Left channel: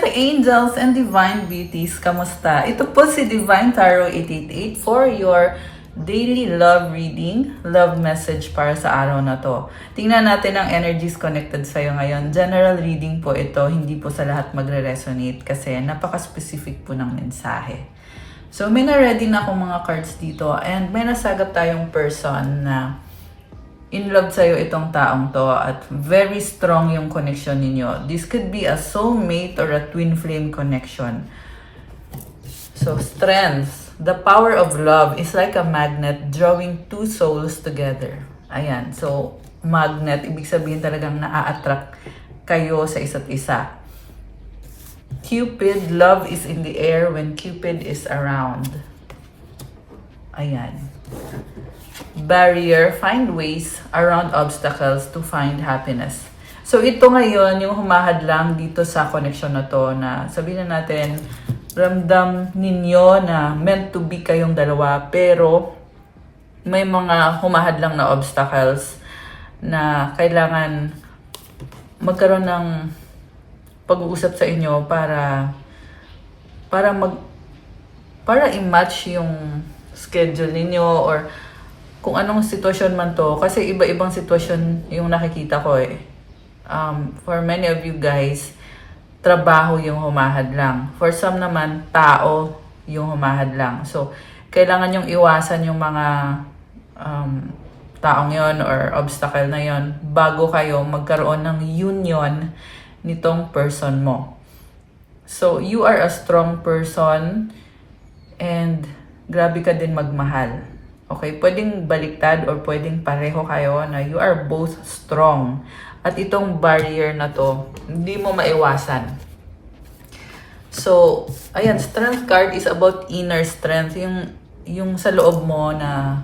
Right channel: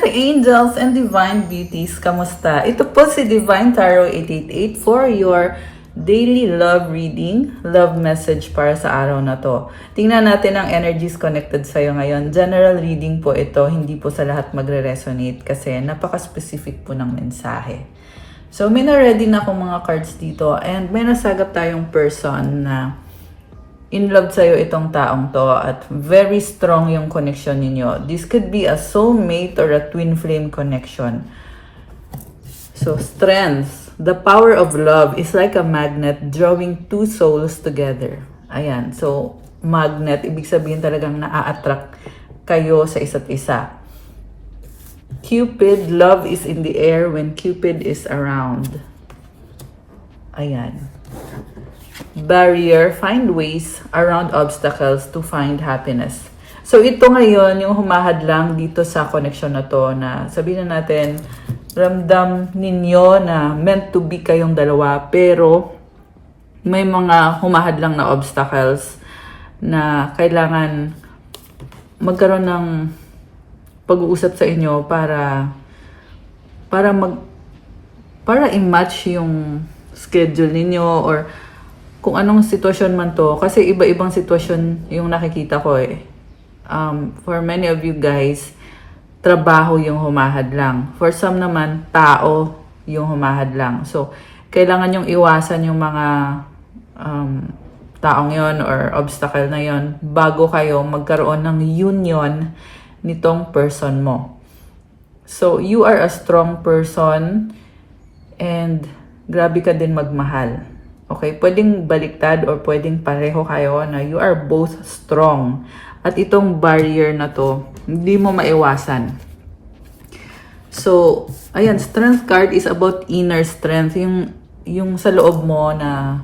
Earth Angels and Divine Beauties, kamusta? Ito po si Divine Tarot 888 for your daily love reading, love message para sa araw na to. Tingnan natin ang energies connected sa'yo ngayon. General reading po ito, hindi po sa lahat magre-resonate kasi napaka-specific po ng mensahe. So may na-ready na akong mga cards dito and may nasagot tayong person na in love sa'yo itong taong to at very strong yung connection ninyo. This could be a soulmate or a twin flame connection. So, strength. The power of love is like a magnet drawing two souls together. Ayan. So, magnet. Ibig sabihin talagang na-attract kayo sa isa't isa. Cupid. Love is in the air when Cupid is around. Ayan. Barrier, find ways around obstacles to find happiness. So ito ngayon yung humahadlang dito sa connection na to na sabihin na natin ramdam ninyo na meant to be kayong dalawa pero may mga humahadlang na obstacles na kailangan magkaroon ng pag-uusap sa inyo para i-match yung schedule ninyo or kung anong sitwasyon man to. Kasi iba-ibang sitwasyon yung nakikita ko eh. For many of you guys, trabaho yung humahadlang. For some naman, tao yung humahadlang. So, kailangan yung iwasan yung mga taong yon or obstacle na yon bago kayo magkaroon ng union nitong person mo. So, you are a strong person and grabe ka din magmahal. Okay, pwedeng baliktad or pwedeng pareho kayo na you are both strong. At itong barrier na to, hindi mo maiwasan. So, ayan, strength card is about inner strength. Yung sa loob mo na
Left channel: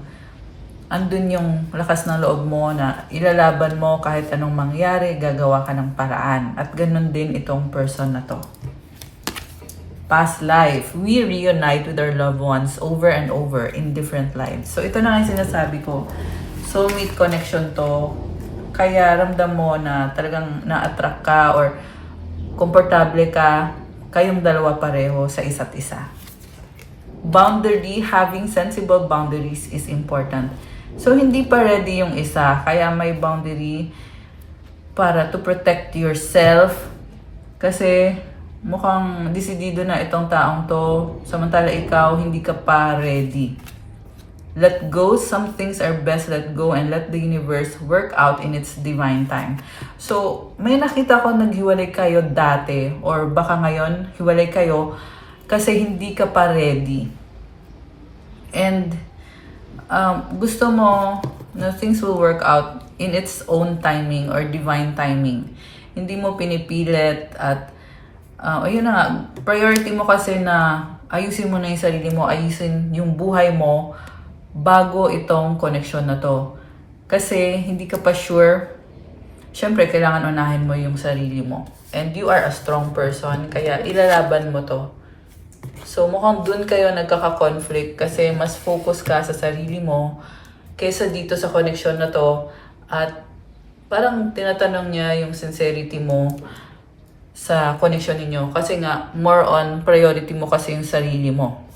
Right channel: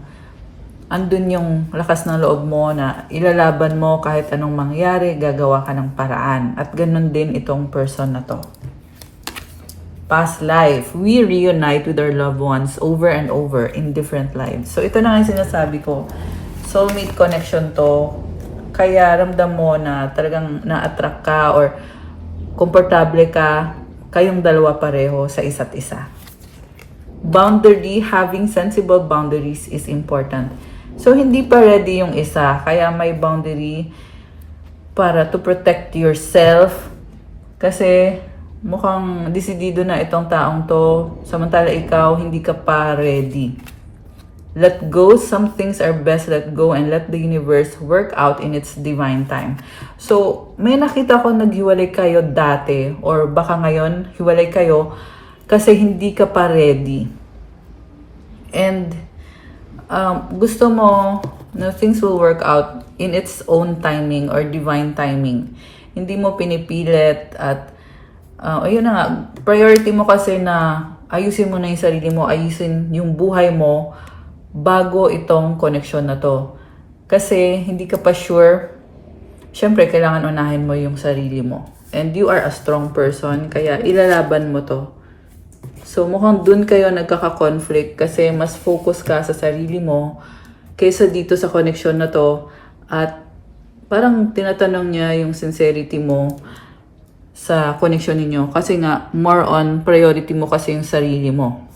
andun yung lakas ng loob mo na ilalaban mo kahit anong mangyari, gagawa ka ng paraan. At ganun din itong person na to. Past life, we reunite with our loved ones over and over in different lives. So ito na nga yung sinasabi ko. Soulmate connection to. Kaya ramdam mo na talagang na-attract ka or komportable ka, kayong dalawa pareho sa isa't isa. Boundary, having sensible boundaries is important. So hindi pa ready yung isa, kaya may boundary para to protect yourself. Kasi mukhang desidido na itong taong to, samantala ikaw hindi ka pa ready. Let go, some things are best let go and let the universe work out in its divine time. So, may nakita ko naghiwalay kayo dati or baka ngayon hiwalay kayo kasi hindi ka pa ready. And gusto mo na things will work out in its own timing or divine timing. Hindi mo pinipilit at ayun na nga, priority mo kasi na ayusin mo na yung sarili mo, ayusin yung buhay mo bago itong connection na to. Kasi hindi ka pa sure, syempre kailangan unahin mo yung sarili mo. And you are a strong person, kaya ilalaban mo to. So mukhang dun kayo nagkaka-conflict kasi mas focus ka sa sarili mo kaysa dito sa connection na to. At parang tinatanong niya yung sincerity mo sa connection ninyo. Kasi nga, more on priority mo kasi yung sarili mo.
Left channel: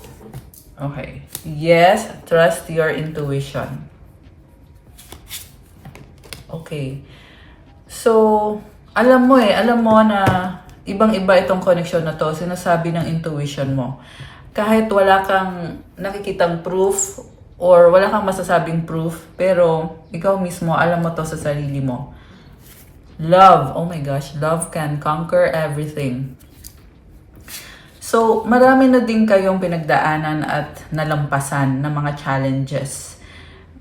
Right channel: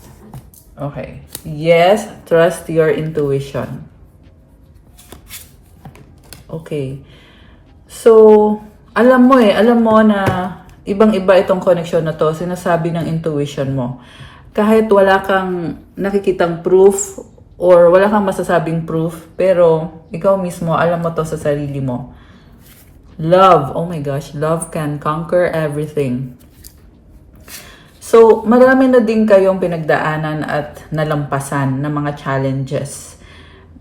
Okay. Yes, trust your intuition. Okay. So, alam mo na ibang-iba itong connection na to, sinasabi ng intuition mo. Kahit wala kang nakikitang proof or wala kang masasabing proof, pero ikaw mismo, alam mo to sa sarili mo. Love, oh my gosh, love can conquer everything. So, marami na din kayong pinagdaanan at nalampasan ng mga challenges.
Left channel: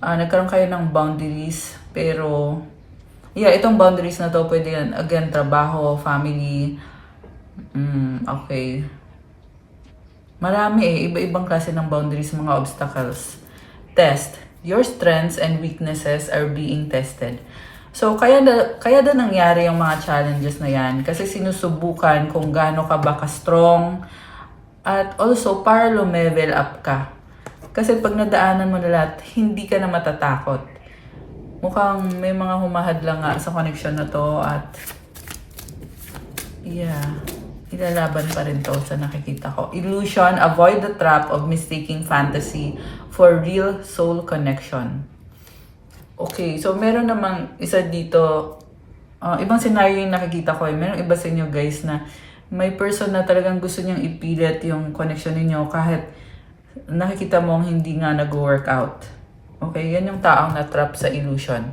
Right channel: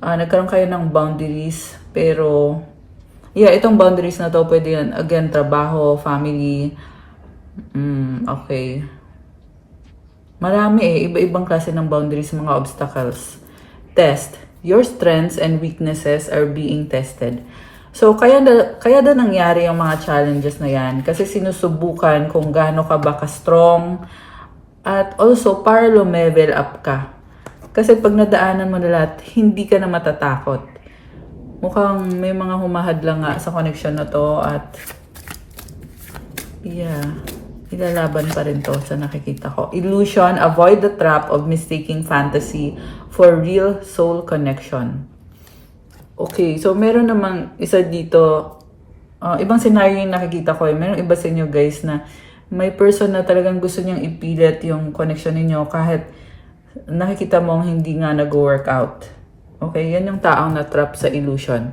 Nagkaroon kayo ng boundaries, pero yeah, itong boundaries na to, pwede yan, again, trabaho, family, okay. Marami iba-ibang klase ng boundaries, mga obstacles. Test, your strengths and weaknesses are being tested. So, kaya na nangyari yung mga challenges na yan kasi sinusubukan kung gaano ka ba ka-strong at also para lumevel up ka. Kasi pag nadaanan mo na lahat, hindi ka na matatakot. Mukhang may mga humahadlang nga sa connection na to at yeah. Ilalaban pa rin to sa nakikita ko. Illusion, avoid the trap of mistaking fantasy for real soul connection. Okay, so meron namang isa dito, ibang scenario yung nakikita ko. Meron iba sa inyo guys na may person na talagang gusto niyang ipilit yung connection ninyo kahit nakikita mo hindi nga nag-work out. Okay, yan yung taong na-trap sa illusion.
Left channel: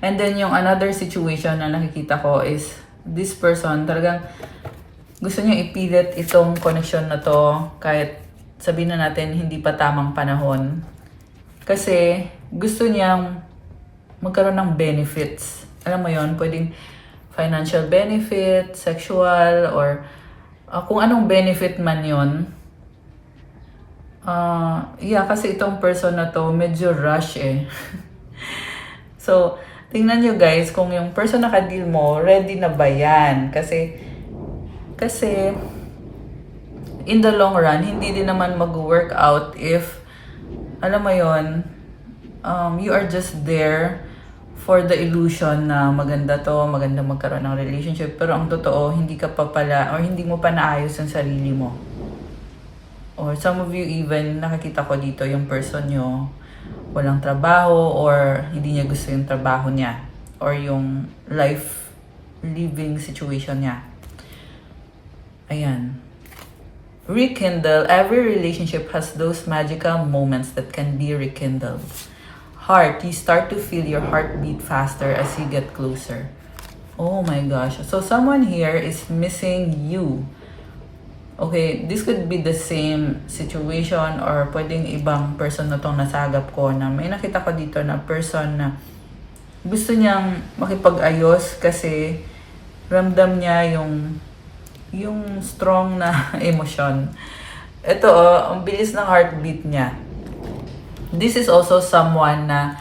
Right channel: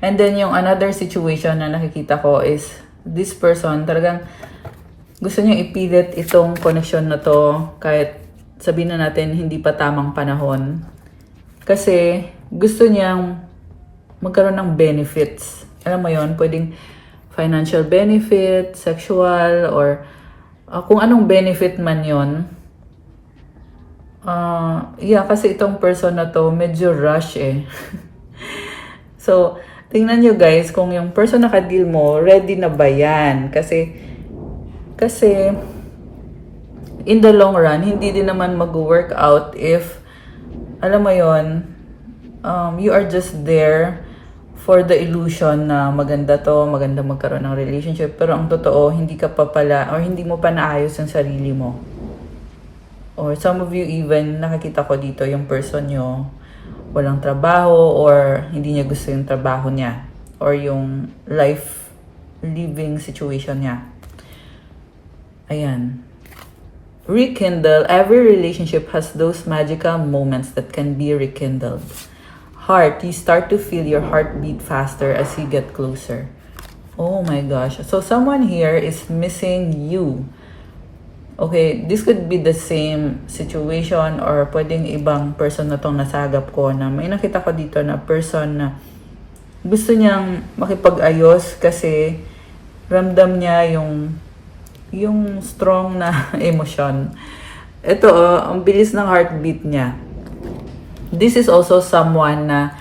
And then yung another situation na nakikita ko is this person talagang gusto niyang ipilit itong connection na to kahit sabihin na natin hindi pa tamang panahon. Kasi gusto niyang magkaroon ng benefits. Alam mo yon, pwedeng financial benefit, sexual, or kung anong benefit man yon. Kasi itong person na to medyo rush eh. So, tingnan nyo guys kung yung person na ka-deal mo, ready na ba yan? Kasi in the long run, hindi din naman mag-work out if, alam mo yon, you are just there for the illusion na maganda to, maganda magkaroon ng relationship. Pero ang totoo, hindi ka pa pala, or hindi mo pa naayos yung sarili mo. Or some of you even, nakikita ko dito yung person nyo, walang trabaho, or hindi niya gusto yung trabaho niya, or yung life living situation niya. Ayan. Rekindle. Every relationship has those magical moments that can be rekindled. Heart, you start to feel your heartbeat faster as you get closer. Oh my gosh. So someone here is missing you. Okay, this could be the same situation or pwedeng ibang person na tong nasagap ko na may nakita ko dito na person na gusto niyang makipag-ayos kasi ramdam niya yung strong na emosyon. Ito, ang bilis ng heartbeat niya. This is also someone na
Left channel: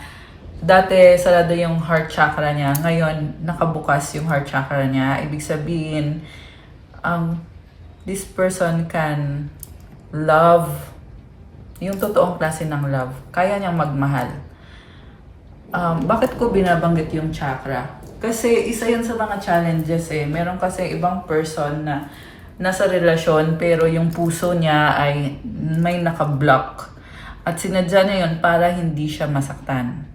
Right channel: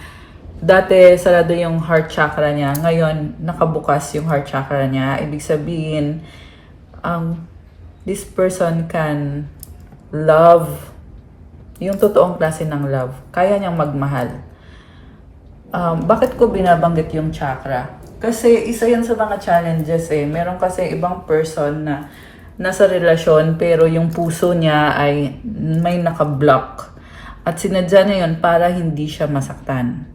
dati sarado yung heart chakra niya. Ngayon, nakabukas yung heart chakra niya. Ibig sabihin, this person can love, yung totoong klase ng love. Kaya niyang magmahal. Bakit ko binabanggit yung chakra? Kasi isa yan sa mga challenges eh. Meron kasi ibang person na nasa relasyon pero yung puso niya ay may naka-block. At sinadya niya yun para hindi siya masaktan.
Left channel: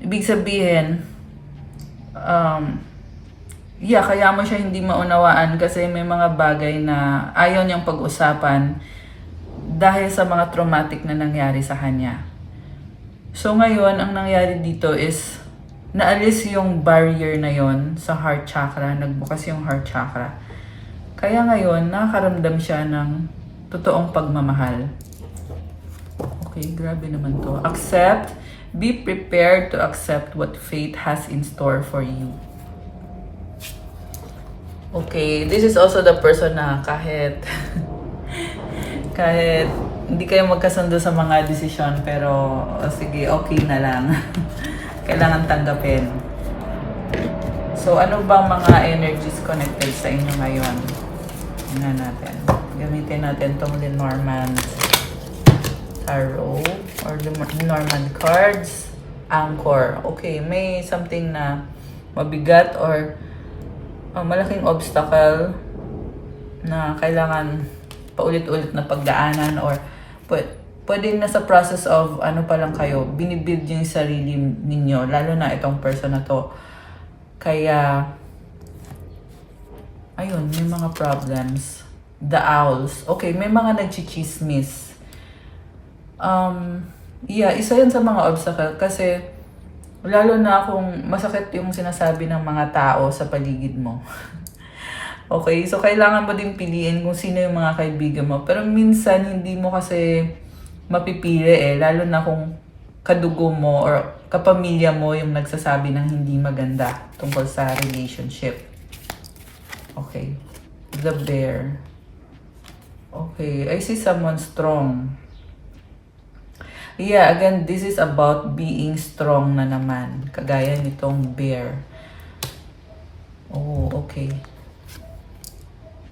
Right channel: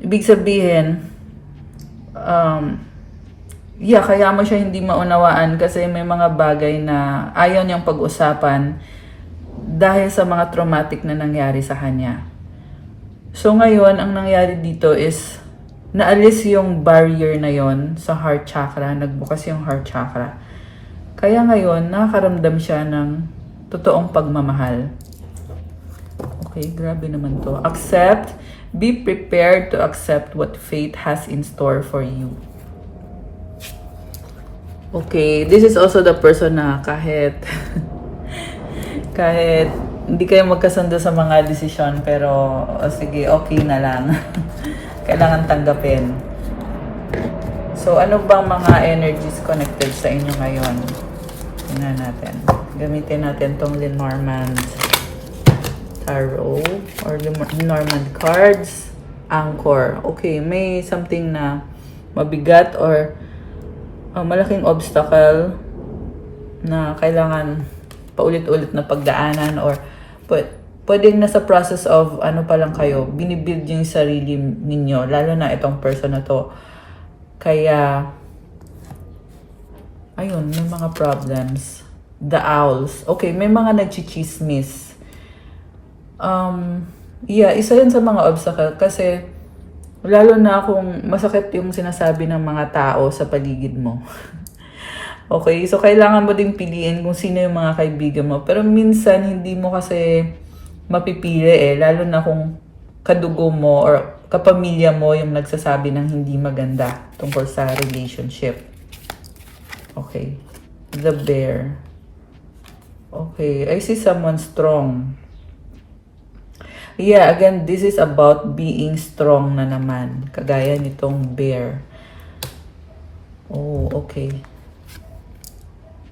Ibig sabihin, kaya mo siya hindi maunawaan kasi may mga bagay na ayaw niyang pag-usapan dahil sa mga traumatic na nangyari sa kanya. So ngayon, ang nangyari dito is naalis yung barrier na yon sa heart chakra, nagbukas yung heart chakra. Kaya ngayon, nakakaramdam siya ng totoong pagmamahal. Okay, grabe naman to. Accept, be prepared to accept what fate has in store for you. Okay, this is also the person na kahit hindi kayo magkasundo sa mga desisyon, pero sige, okay na lang. Kailangan tanggapin. So, ano ba mga energies connected sa inyo ngayon? Tingnan natin. Gamitin natin tong Lenormand Tarot or Lenormand cards. Anchor. Okay, may something na mabigat or malaking obstacle na kailangan paulit-ulit na pagdaanan or pwedeng nasa process of ano pa lang kayo, binibuild yung sarili ninyo, lalo na itong person na to. Kaya, ayun, may mga problems. The owls. Okay, may mga nagchichismis. Isa yun sa mga obstacle kasi lalo na kung masakit yung sinasabi ng mga tao sa paligid mo. Okay, so kailangan mo ding piliin kung sino yung mga kaibigan mo. Pero minsan, hindi mo kasi mapipili eh. Lalo na kung kadugo mo or kapamilya mo yung nagsasabi ng hindi maganda tungkol sa relationship. Okay. The bear. Okay, I see someone strong. Yeah, again, this is about being strong na naman. Kagaya nitong bear. Oh, okay.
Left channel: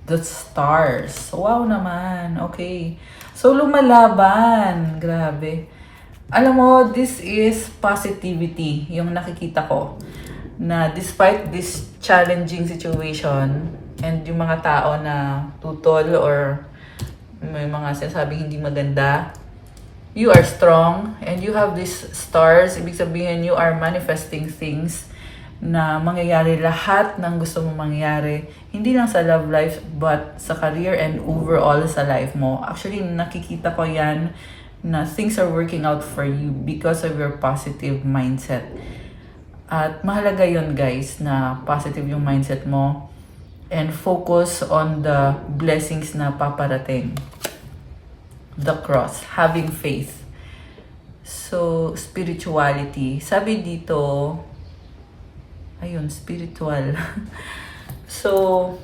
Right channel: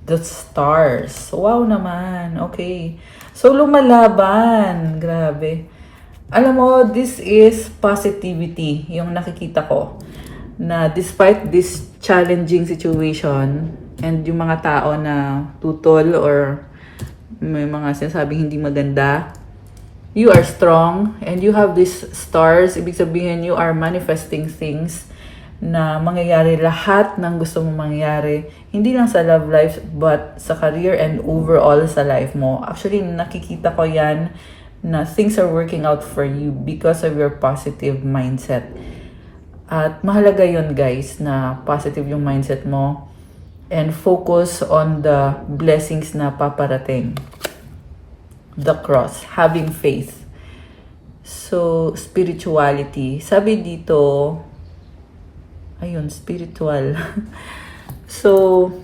The stars. Wow naman. Okay. So, lumalaban. Grabe. Alam mo, this is positivity. Yung nakikita ko. Na despite this challenging situation, And yung mga tao na tutol or may mga sinasabing hindi maganda, you are strong and you have these stars. Ibig sabihin, you are manifesting things na mangyayari lahat ng gusto mong mangyari. Hindi lang sa love life, but sa career and overall sa life mo. Actually, nakikita ko yan na things are working out for you because of your positive mindset. At mahalaga yun guys, na positive yung mindset mo and focus on the blessings na paparating. The cross, having faith. So, spirituality. Sabi dito, ayun, spiritual. So,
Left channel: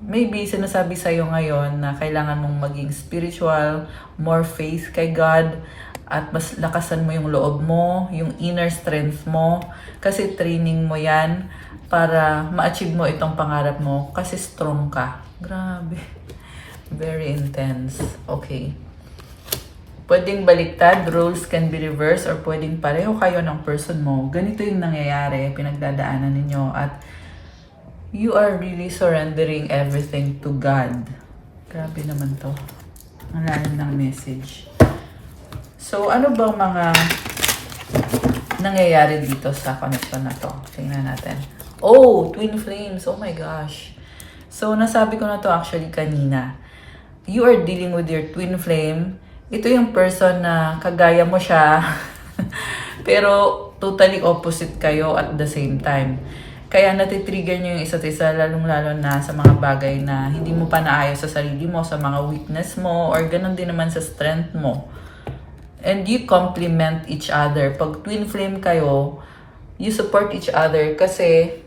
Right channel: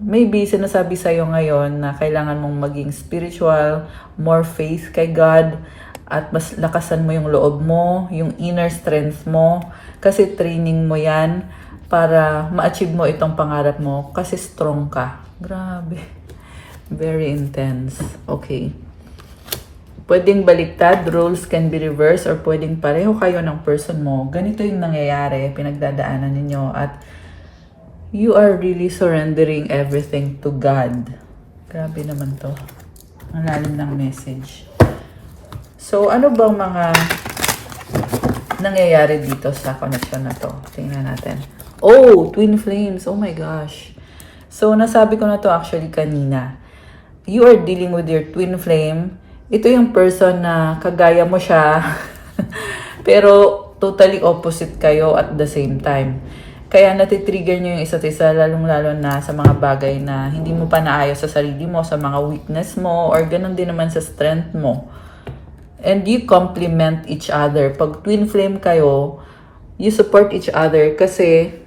maybe sinasabi sa'yo ngayon na kailangan mong maging spiritual, more faith kay God, at mas lakasan mo yung loob mo, yung inner strength mo, kasi training mo yan para ma-achieve mo itong pangarap mo, kasi strong ka. Grabe. Very intense. Okay. Pwedeng baliktad, roles can be reversed, or pwedeng pareho kayo ng person mo. Ganito yung nangyayari, pinagdadaanan ninyo, at you are really surrendering everything to God. Grabe naman to. Ang lalim ng message. So, ano bang mga nangyayari dito sa connection na to? Tingnan natin. Oh, twin flames. Oh my gosh. So, nasabi ko na to actually kanina. You are dealing with your twin flame. Ito yung person na kagaya mo siya, pero totally opposite kayo at the same time. Kaya natitrigger nyo yung isa't isa, lalong-lalo na sa mga bagay na hindi mo pa naayos sa sarili mo, sa mga weakness mo, or ganun din naman sa strength mo. And you complement each other. Pag twin flame kayo, you support each other kasi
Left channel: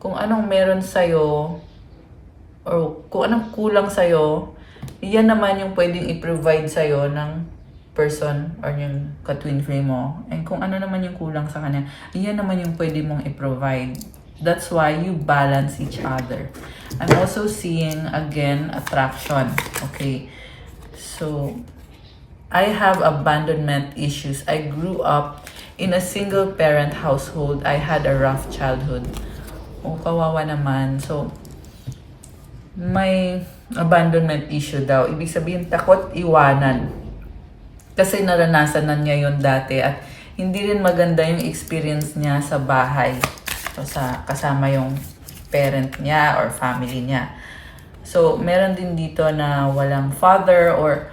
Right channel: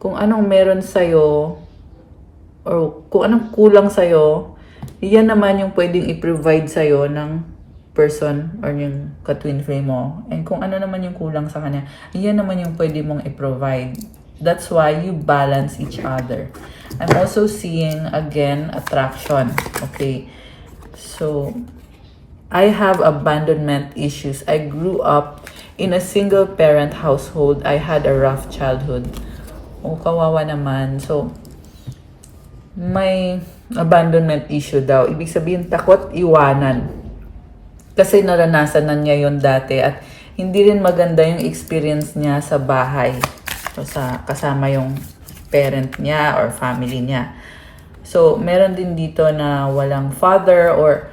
kung anong meron sa'yo, or kung anong kulang sa'yo, yan naman yung pwedeng i-provide sa'yo ng person or yung ka-twin flame mo. And kung ano naman yung kulang sa kanya, yan naman yung pwede mong i-provide. That's why you balance each other. I'm also seeing, again, attraction. Okay. So, I have abandonment issues. I grew up in a single-parent household. I had a rough childhood. Oh, kawawa naman. So, may abandonment issue daw. Ibig sabihin, takot iwanan. Kasi naranasan na niya yon dati at hindi rin maganda yung experience niya sa bahay. So, kasama yung parent niya or family niya. So, meron din dito na walang father or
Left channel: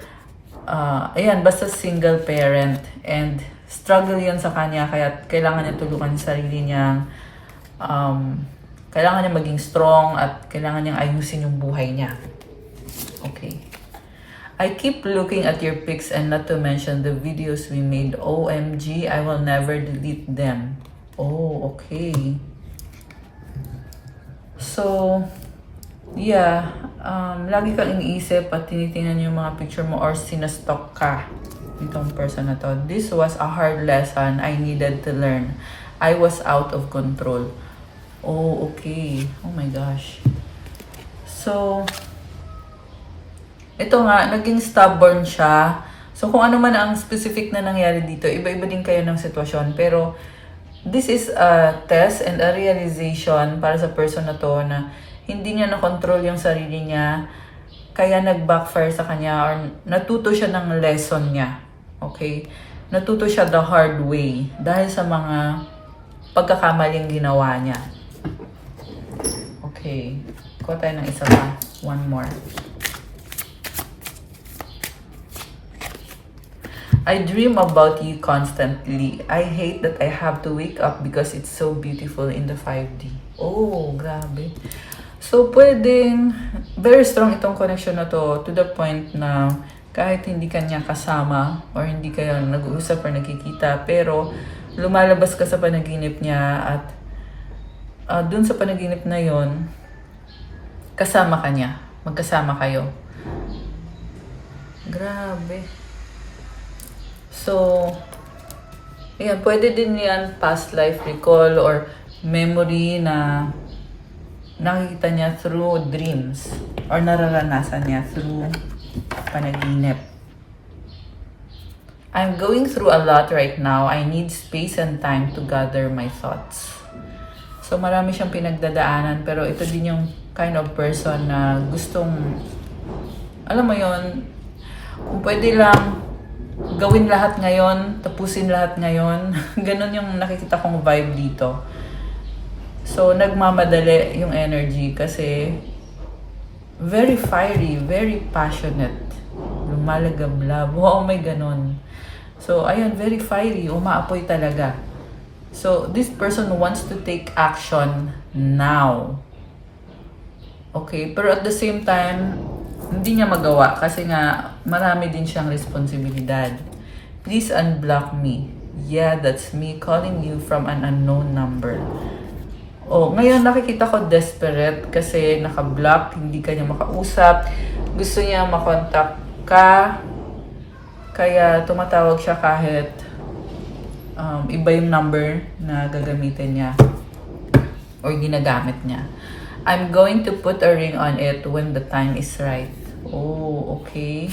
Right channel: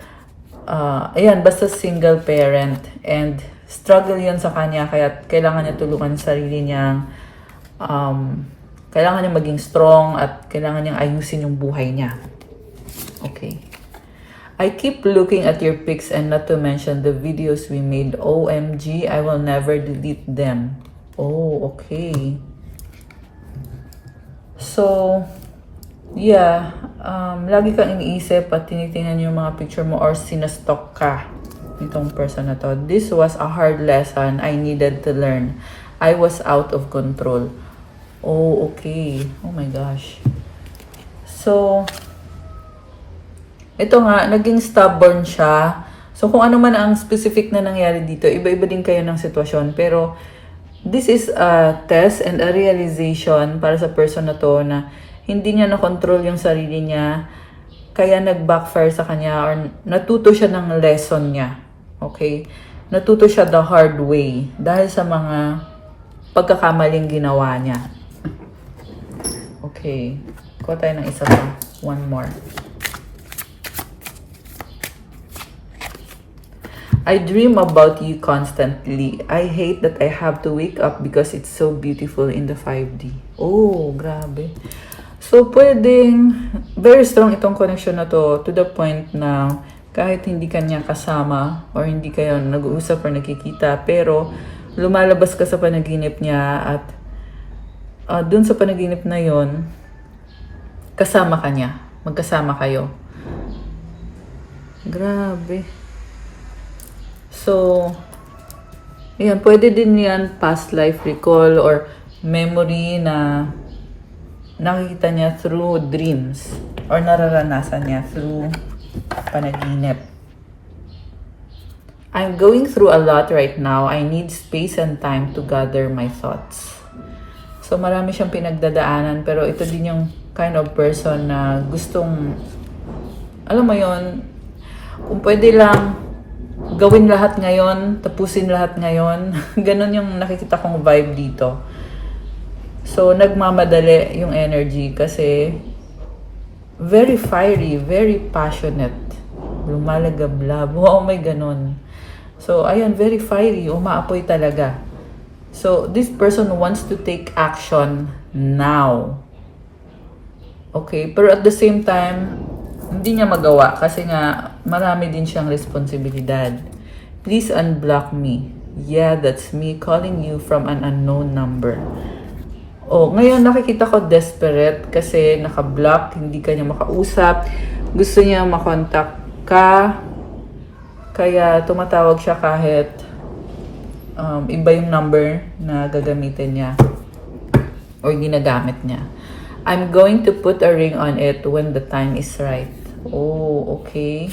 ayan, basta single parent. And struggle yun sa kanya kaya kailangan niya tulungan sa sarili niyang kailangan niya maging strong at kailangan niyang ayusin yung buhay niya. Okay. I keep looking at your pics and not to mention the videos we made. OMG, I will never delete them. Oh, okay. So, yeah. Lagi kang iniisip at tinitingnan yung mga picture mo or sinastalk ka nitong person na to. This was a hard lesson I needed to learn. I was out of control. Oh, okay. Oh my gosh. So, ito nga, naging stubborn siya. So, kung ano man ang specific na nangyari dito, iba-iba din kayo ng sitwasyon. Pero, this is a test and a realization para sa person na to na hindi niya na-control yung sarili niya. Kaya nag-backfire sa kanya or natuto siya ng lesson niya. Okay? Natuto siya the hard way dahil sa mga pagkakamaling ginawa niya. Okay. Kuha tayo ng isa pa. One more. I dream about you constantly. I hate that I have to wake up because it's so beautiful in the 5D. Oh, grabe. So, pwedeng very strong itong connection na to the point na kahit hindi kanya kasama or hindi kayo nag-uusap or nakikita, pero lumalabas ka sa panaginip niya at dun sa panaginip na yon kasama ka niya. Magkasama kayo. Grabe. So, ayan, pwede din yan past life recall or memory na nakikita niya through dreams or nararanasan niya through panaginip. I'm going through a lot right now. I need space and time to gather my thoughts. So, marami siyang pinagdadaanan pero ito din yung kind of person na gustong, alam mo yon, kung pwede lang, gawin lahat ngayon, tapusin lahat ngayon. Ganon yung nakikita kong vibe dito. So, nagmamadali yung energy kasi very fiery, very passionate. Lumalagablab. Wow, may ganon. So, ayun, very fiery. Umaapoy talaga. So, this person wants to take action now. Okay? Pero at the same time, hindi niya magawa kasi nga marami din siyang responsibilidad. Please unblock me. Yeah, that's me calling you from an unknown number. Oh, ngayon nakikita ko desperate kasi naka-block, hindi ka niya makausap. Gusto niya makontak ka. Kaya tumatawag siya kahit iba yung number na gagamitin niya or ginagamit niya. I'm going to put a ring on it when the time is right. Oh, okay.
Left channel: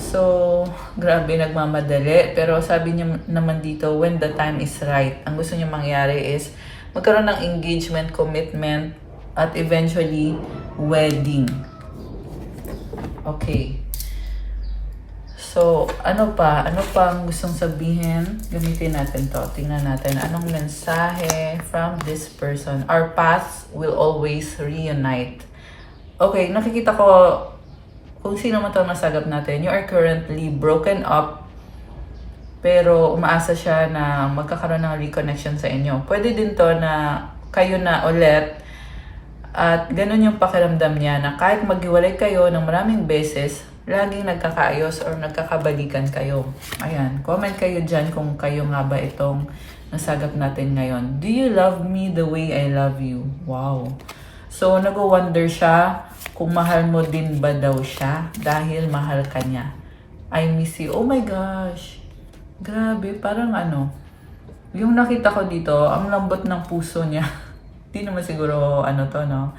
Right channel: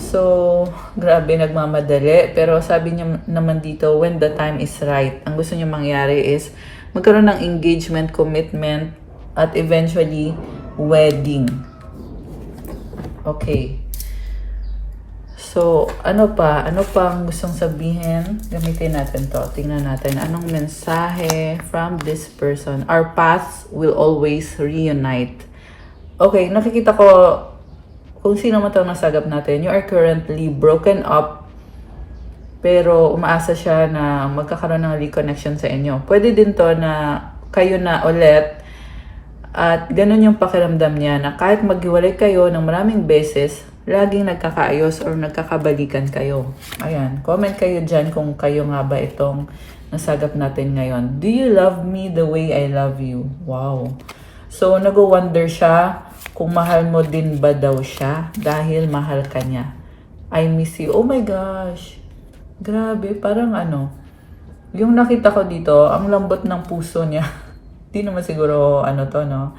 So, grabe, nagmamadali. Pero sabi niya naman dito, when the time is right. Ang gusto niya mangyari is magkaroon ng engagement, commitment, at eventually, wedding. Okay. So, ano pa? Ano pa ang gustong sabihin? Gamitin natin to. Tingnan natin. Anong mensahe from this person? Our paths will always reunite. Okay, nakikita ko kung sino man ito nasagap natin. You are currently broken up, pero umaasa siya na magkakaroon ng reconnection sa inyo. Pwede din to na kayo na ulit at ganun yung pakiramdam niya na kahit maghiwalay kayo ng maraming beses, laging nagkakaayos or nagkakabalikan kayo. Ayan, comment kayo dyan kung kayo nga ba itong nasagap natin ngayon. Do you love me the way I love you? Wow. So, nag-wonder siya kung mahal mo din ba daw siya dahil mahal ka niya. I miss you. Oh my gosh. Grabe, parang ano. Yung nakita ko dito, ang lambot ng puso niya. Di naman siguro ano to, no?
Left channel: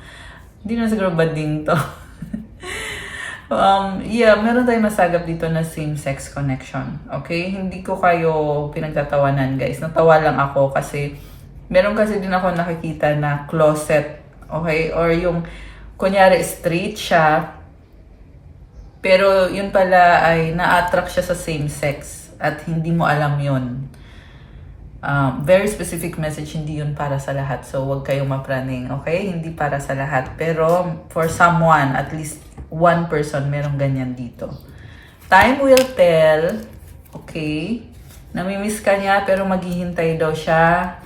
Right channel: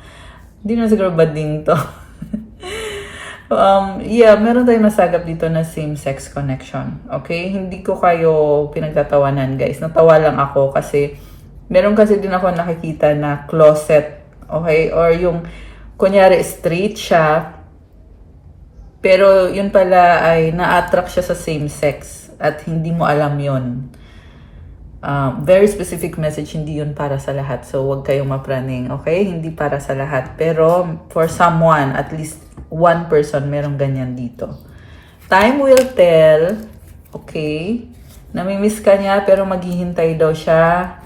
Di naman siguro bading to. Yeah, meron tayong nasagap dito na same-sex connection. Okay? Hindi ko kayo pinagtatawanan, guys. Natawa lang ako kasi meron kasi din ako nakikita na closet. Okay? Or yung, kunyari, straight siya, pero yun pala ay na-attract siya sa same sex at hindi mo alam yun. Very specific message, hindi yun para sa lahat. So, huwag kayong mapraning, okay? Hindi para sa lahat. Pero, for someone, at least one person, merong ganyan dito. Time will tell, okay? Namimiss ka niya, pero maghihintay daw siya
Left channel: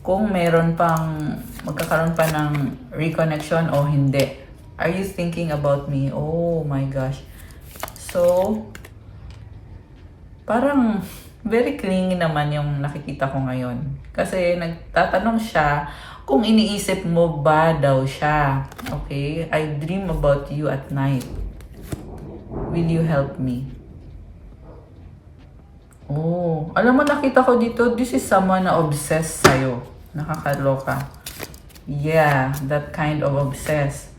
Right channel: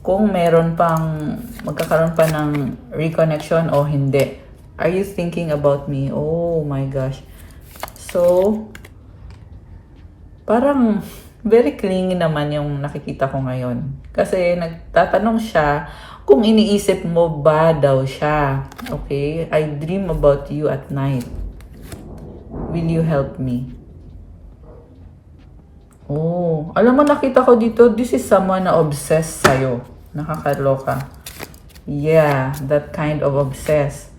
kung meron pang, magkakaroon pa ng reconnection o hindi. Are you thinking about me? Oh my gosh. So, parang very clingy naman yung nakikita ko ngayon. Kasi nagtatanong siya kung iniisip mo ba daw siya. Okay? I dream about you at night. Will you help me? Oh, alam mo, nakita ko dito, this is someone na obsessed sa'yo. Nakakaloka. Yeah, that kind of obsessed.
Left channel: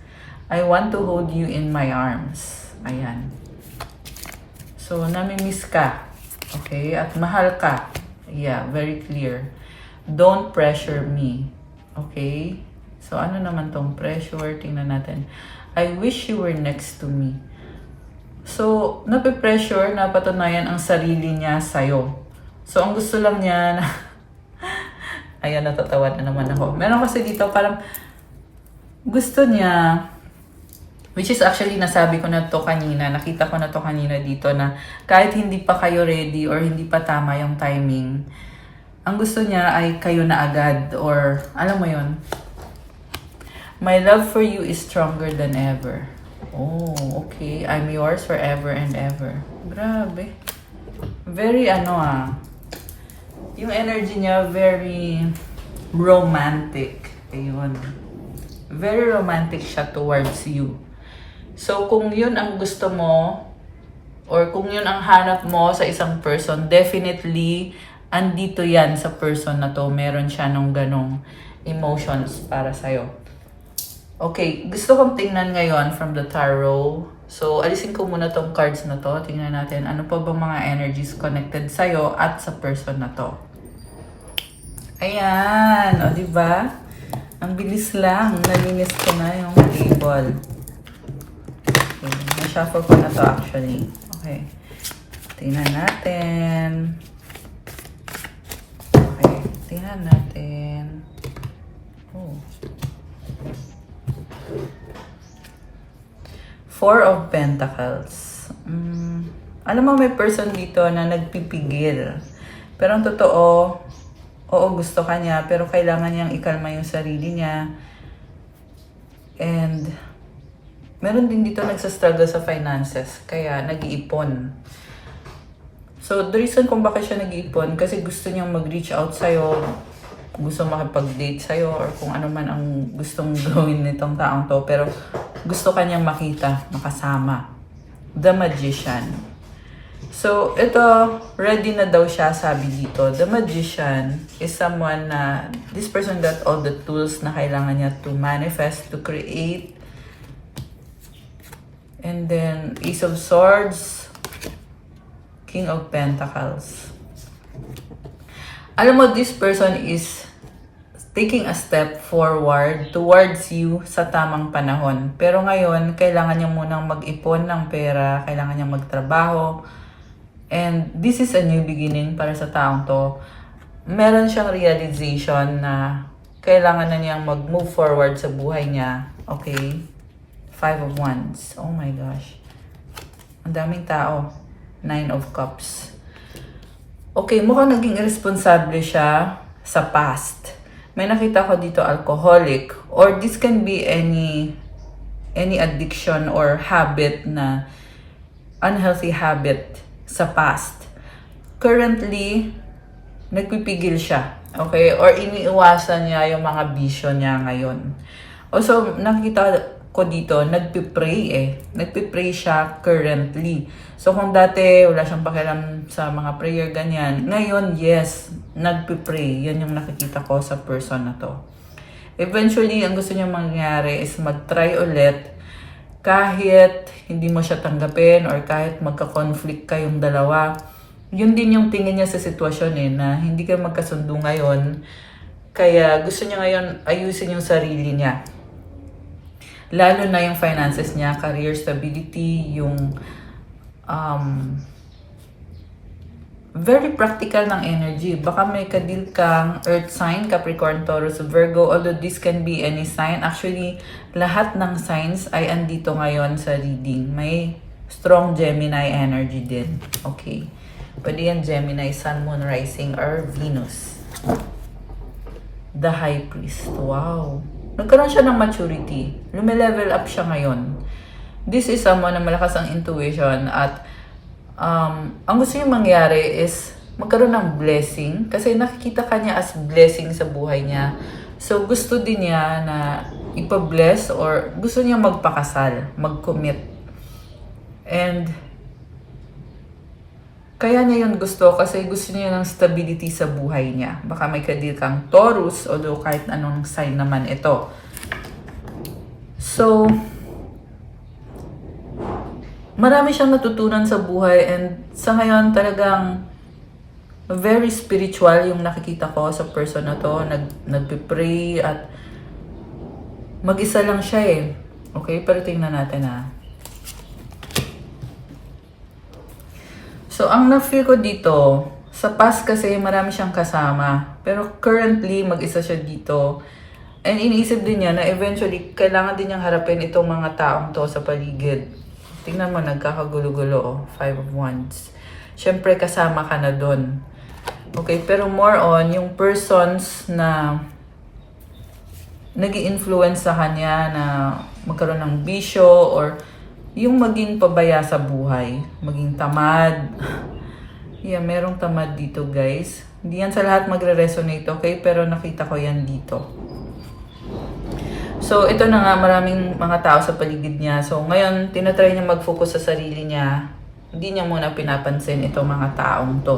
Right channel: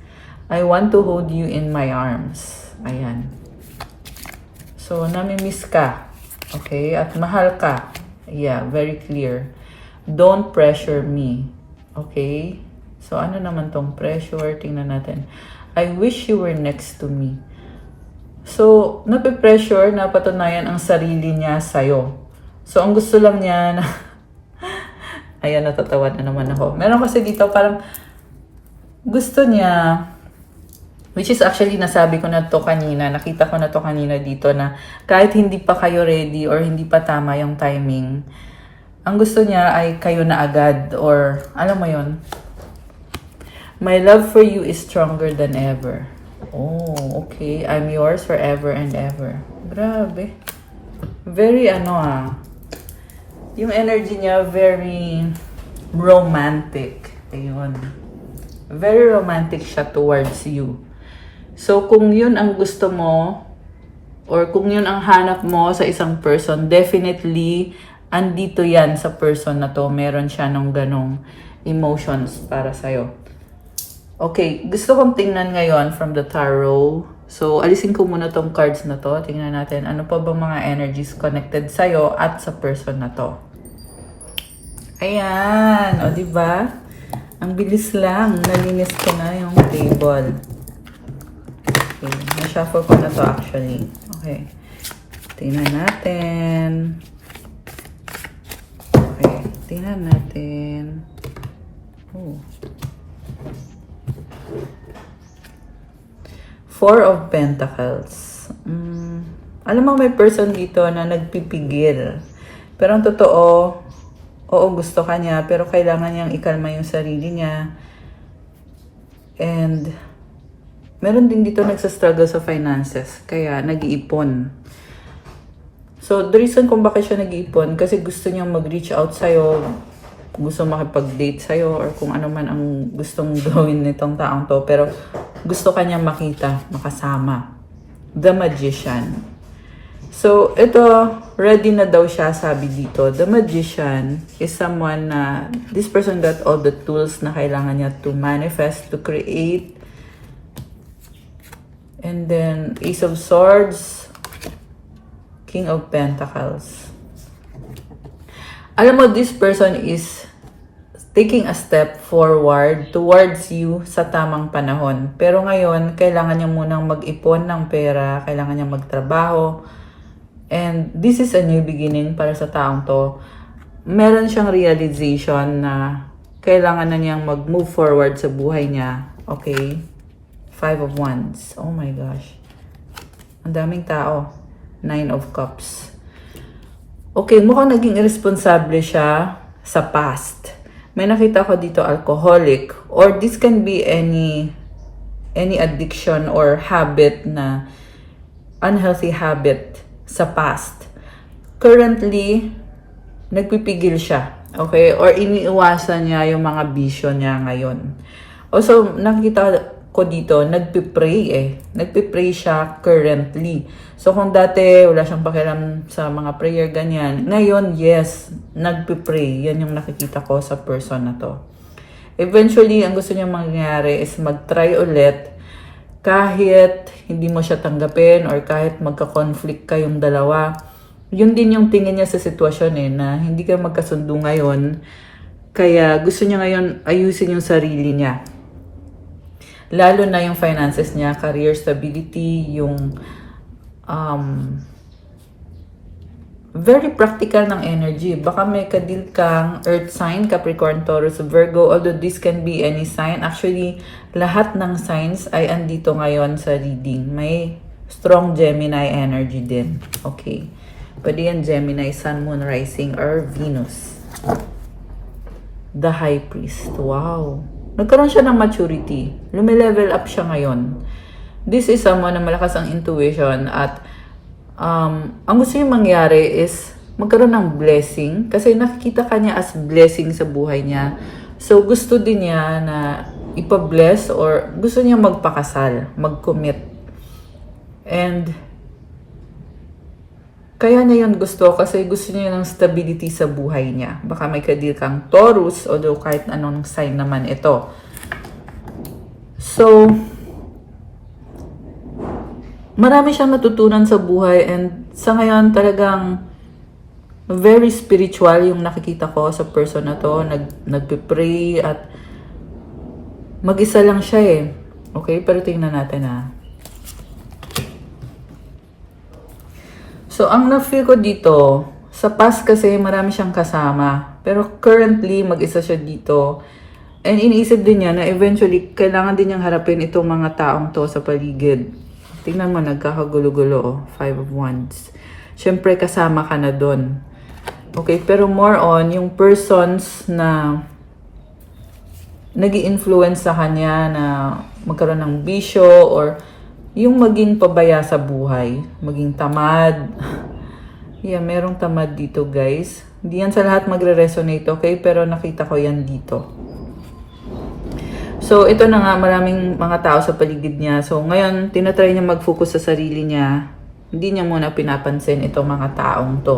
I want to hold you in my arms. Ayan. So, namimiss ka. Okay? At mahal ka. Yeah, very clear. Don't pressure me. Okay? So, ano naman tong pressure? Tingnan natin. I wish you were next to me. So, nape-pressure na patunayan ang sarili niya sa'yo. So, ang gusto lang niya na... Ayan, natatawa na naman ako. Meron kasi dito parang gusto niya, which is actually nasabi ko na to kanina, nakita ko na to kanina dito na kahit hindi pa kayo ready or hindi pa tama yung timing, ang gusto niya ay kayo na agad or alam mo yon. My love for you is stronger than ever. Oh, okay. I'm yours forever and ever. Grabe. Very yung energy niya very romantic. Ayun. Very romantic siya towards you. So, kung yun ang gusto mo or kung yun ang hanap mo sa isang person, definitely andito yan sa person na to. Meron siya ng ganong emotions para sa'yo. Okay, gusto kong tingnan ngayon from the tarot. So, alisin ko muna tong cards na to. Tingnan natin ano pa ba mga energies connected sa'yo at sa person na to. Ayan, o diba? Ang bilis lang. Nalinis ko na yung table. Okay. Na-shuffle ko na to actually. Okay. Tingnan natin. Okay. Tingnan natin. Oh. Four of Pentacles. Alam mo, may person dito na nagpipigil. Pero ang totoo, oo, gusto ka niya, pero kailangan niyang ikalma yung sarili niya. And, meron din dito nagsastruggle sa finances, kaya nag-iipon. So, the reason kung bakit siya nag-iipon, kasi gusto niyang mag-reach out sa'yo, gusto makipag-date sa'yo, or kung ano man ang gustong gawin nitong taong to, pero gusto ka niyang makita, makasama. The Magician. So, ito, ready na daw siya, sabi dito. The Magician is someone na, this person got all the tools na kailangan niya to manifest, to create. And then, Ace of Swords, King of Pentacles. Alam mo, this person is taking a step forward towards you sa tamang panahon. Pero ngayon, kailangan niya munang mag-ipon ng pera, kailangan niya magtrabaho. And this is a new beginning para sa taong to. Meron siyang realization na kailangan na niyang mag-move forward sa buhay niya. Okay? Five of Wands. Oh my gosh. Ang daming tao. Nine of Cups. Okay, mukhang naging irresponsible siya sa past. May nakita ko dito, alcoholic. Or this can be any addiction or habit na unhealthy habit sa past. Currently, nagpipigil siya. Okay? Or iniiwasan niya yung mga bisyo niya ngayon. Also, nakikita ko dito, nagpipray. Nagpipray siya currently. So, kung dati wala siyang pakialam sa mga prayer, ganyan. Ngayon, yes, nagpipray. Yan yung nakikita ko sa person na to. Eventually, ang gusto niya mangyari is mag-try ulit kahit hindi mo siya tanggapin or kahit magka-conflict kayong dalawa. Yun din yung tingin niya sa sitwasyon na hindi ka magkasundo ngayon. Kaya gusto niya ngayon ayusin yung sarili niya. Lalo na yung finances niya, career stability, yung very practical ng energy. Baka may kadil kang earth sign, Capricorn, Taurus, Virgo, although this can be any sign. Actually, lahat ng signs ay andito ngayon sa reading. May strong Gemini energy din. Okay. Pwede yan Gemini, Sun, Moon, Rising, or Venus. The High Priest. Wow. Nagkaroon siya ng maturity. Lumilevel up siya ngayon. This is someone na malakas ang intuition at ang gusto niya mangyari is magkaroon ng blessing kasi nakikita ka niya as blessing sa buhay niya. So, gusto din niya na ipa-bless or gusto niya magpakasal, mag-commit. And kaya niya yun gusto kasi gusto niya ng stability sa buhay niya. Baka may kadil kang Taurus, although kahit anong sign naman ito. So, marami siyang natutunan sa buhay and sa ngayon talagang very spiritual yung nakikita ko sa person na to. Nagpipray at mag-isa lang siya Okay, pero tingnan natin So, ang na-feel ko dito, sa past kasi marami siyang kasama. Pero currently, mag-isa siya dito. And iniisip din niya na eventually, kailangan din niyang harapin itong mga taong to sa paligid. Tingnan mo, nagkakagulo-gulo, Five of Wands. Siyempre, kasama ka na doon. Okay, pero more on, yung persons na nag-i-influence sa kanya na magkaroon ng bisyo or yung maging pabaya sa buhay, maging tamad. Yeah, merong tamad dito, guys. Hindi yan sa lahat magre-resonate, okay? Pero nakita ko yan dito. So, ito na nga, maraming mga tao sa paligid niya. So, ngayon, tinatry niya mag-focus sa sarili niya. Hindi niya muna pinapansin itong mga taong to.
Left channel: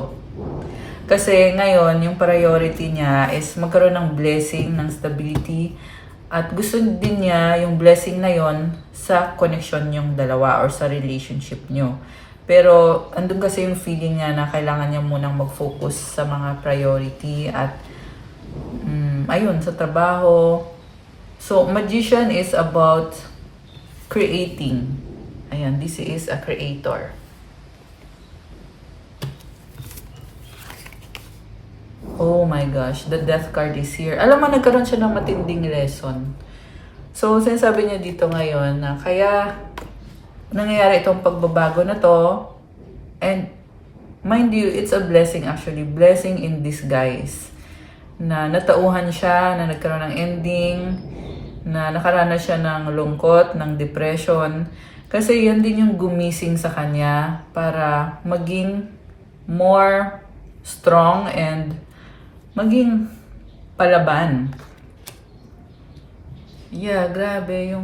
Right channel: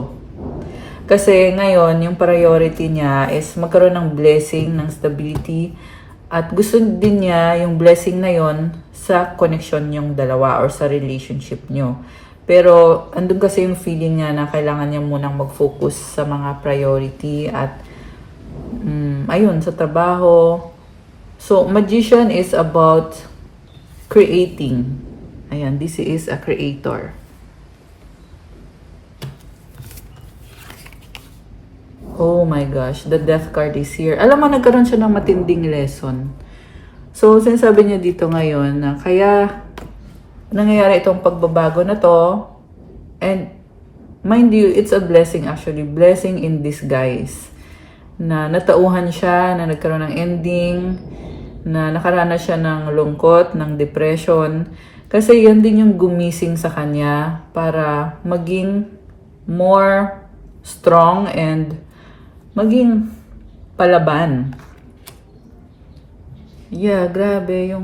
Kasi ngayon, yung priority niya is magkaroon ng blessing, ng stability. At gusto din niya yung blessing na yon sa connection yung dalawa or sa relationship nyo. Pero andun kasi yung feeling niya na kailangan niya munang mag-focus sa mga priority at ayun, sa trabaho. So, magician is about creating. Ayan, this is a creator. Oh my gosh, the death card is here. Alam mo, nagkaroon siya ng matinding lesson. So, sinasabi niya dito ngayon na kaya nangyayari itong pagbabago na to. And mind you, it's a blessing actually. Blessing in disguise. Na natauhan siya, na nagkaroon ng ending, na nakaranas siya ng lungkot, ng depression. Kasi yan din yung gumising sa kanya para maging more strong and maging palaban. Yeah, grabe.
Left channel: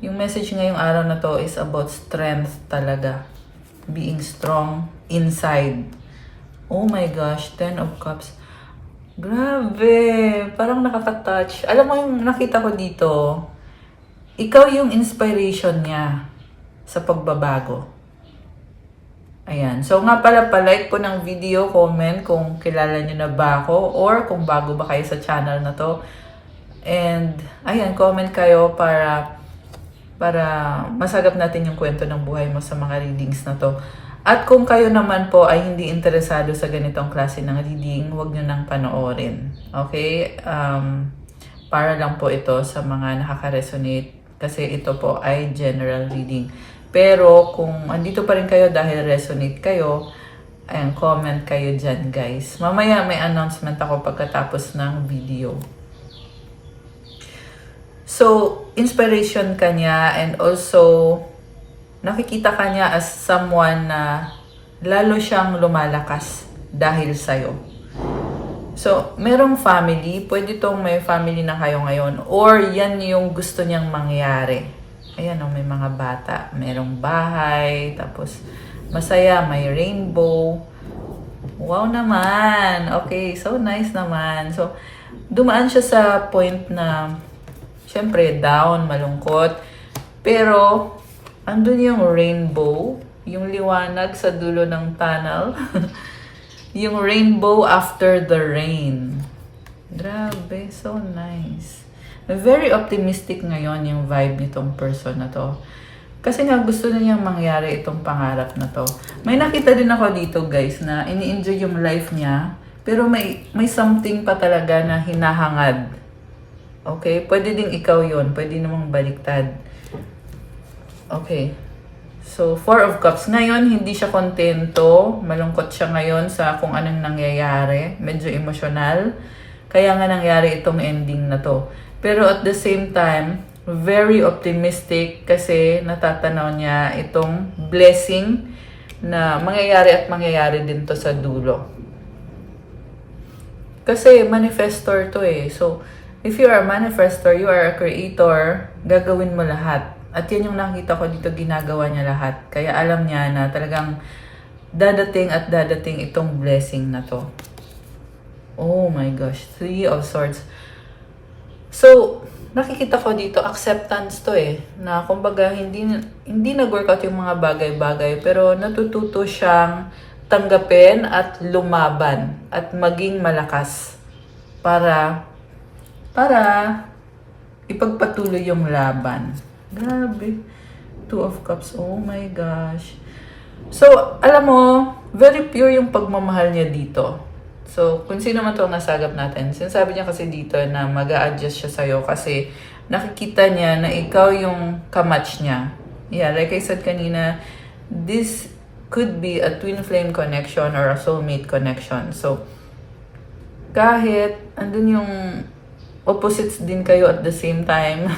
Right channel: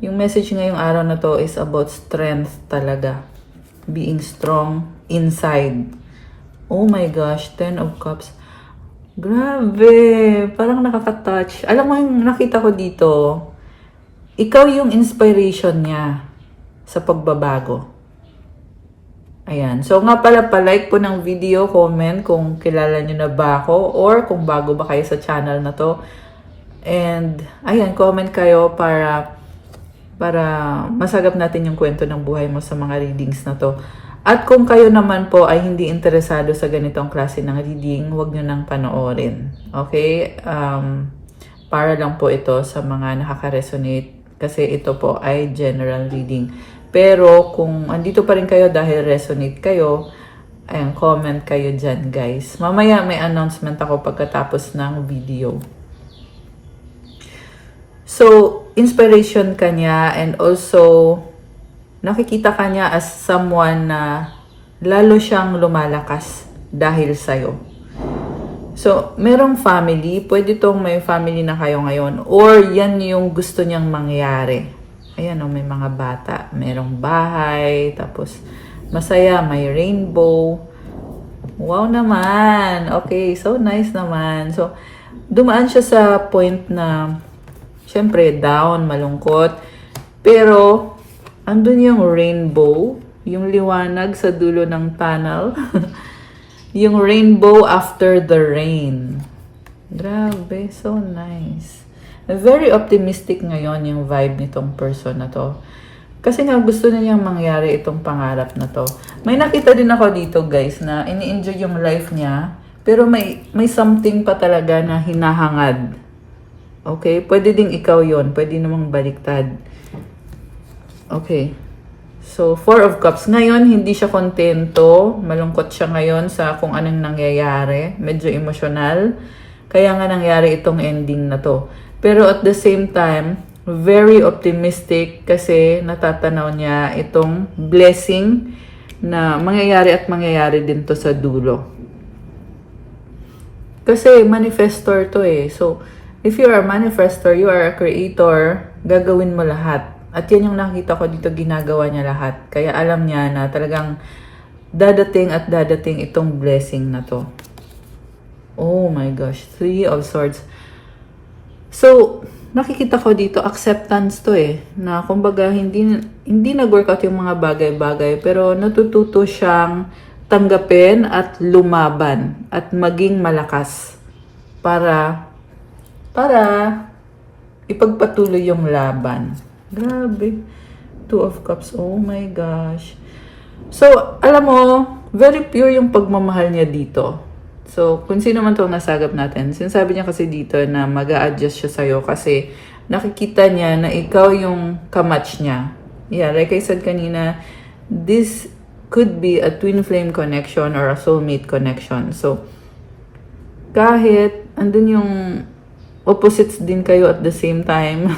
Yung message ngayong araw na to is about strength talaga. Being strong inside. Oh my gosh, 10 of Cups. Grabe. Parang nakaka-touch. Alam mo yung nakita ko dito, ikaw yung inspiration niya sa pagbabago. Ayan. So nga pala, palike po ng video, comment kung kilala nyo na ba ako or kung bago ba kayo sa channel na to. And ayan, comment kayo para masagap natin yung kwento ng buhay mo sa mga readings na to. At kung kayo naman po ay hindi interesado sa ganitong klase ng reading, huwag nyo nang panoorin. Okay? Para lang po ito sa mga nakaka-resonate kasi ito po ay general reading. Pero kung andito pa rin kayo dahil resonate kayo, ayan, comment kayo dyan, guys. Mamaya may announcement ako pagkatapos ng video. So, inspiration ka niya and also nakikita ka niya as someone na lalo siyang lumalakas dahil sa'yo. So, merong family. Pwede tong may family na kayo ngayon or yan yung gusto niyang mangyari. Ayan o, may mga bata. Merong bahay. Tapos, masaya. May rainbow. Wow naman. Okay, so nice naman. So, dumaan siya sa point na syempre, down, malungkot. Pero, andun yung rainbow. Yung liwanag sa dulo ng tunnel. Yung rainbow after the rain. Grabe, so nice. Very optimistic ngayon yung vibe nitong person na to. Kasi nga gusto na niyang mangyari itong pangarap na to. May nakita din ako dito guys na ini-enjoy yung life niya. Pero may something pa talaga na hinahangad. Okay? Pwede ding ikaw yon, pwede namang baliktad. Okay. So, 4 of Cups. Ngayon, hindi siya kontento. Malungkot siya ngayon sa kung anong nangyayari. Medyo emosyonal. Kaya nga nangyari itong ending na to. Pero at the same time, very optimistic kasi natatanaw niya itong blessing na mangyayari din to sa dulo. Kasi manifestor to eh. So, if you are a manifestor, you are a creator, gagawin mo lahat. At yan yung nakita ko dito, ginagawa niya lahat. Kaya alam niya na talagang dadating at dadating itong blessing na to. Oh my gosh, 3 of Swords. So, nakikita ko dito, acceptance to eh. Na kumbaga, hindi nag-workout yung mga bagay-bagay, pero natututo siyang tanggapin at lumaban at maging malakas para ipagpatuloy yung laban. Grabe. 2 of Cups. Oh my gosh. So, alam mo, very pure yung pagmamahal niya dito. So, kung sino man itong nasagap natin, sinasabi niya kasi dito na mag-a-adjust siya sa'yo kasi nakikita niya na ikaw yung kamatch niya. Yeah, like I said kanina, this could be a twin flame connection or a soulmate connection. So, kahit andun yung opposites din kayo at the same time,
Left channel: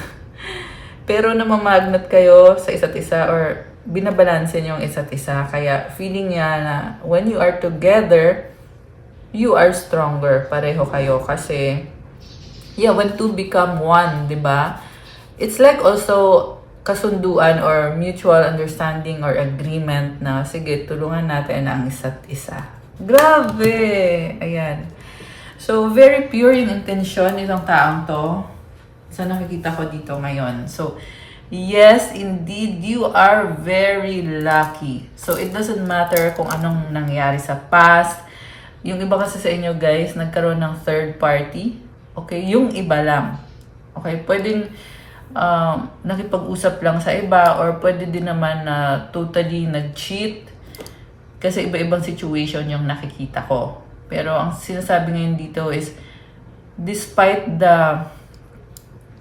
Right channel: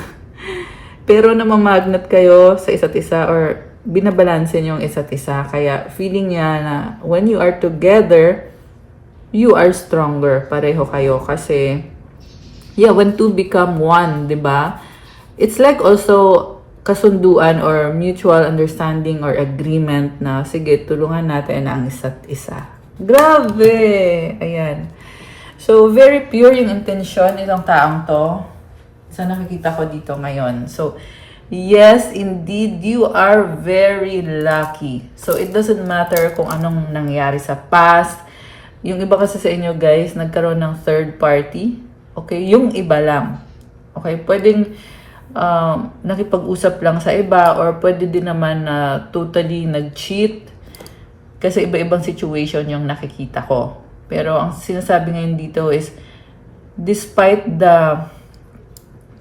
pero namamagnet kayo sa isa't isa or binabalanse niyo yung isa't isa. Kaya feeling niya na when you are together, you are stronger. Pareho kayo. Kasi, yeah, when two become one, di ba? It's like also kasunduan or mutual understanding or agreement na, sige, tulungan natin ang isa't isa. Grabe! Ayan. So, very pure yung intention ng taong to. So, nakikita ko dito ngayon. So, yes, indeed, you are very lucky. So, it doesn't matter kung anong nangyari sa past. Yung iba kasi sa inyo, guys, nagkaroon ng third party. Okay? Yung iba lang. Okay, pwedeng nakipag-usap lang sa iba or pwede din naman na totally nag-cheat kasi iba-ibang situation yung nakikita ko. Pero ang sinasabi ngayon dito is despite the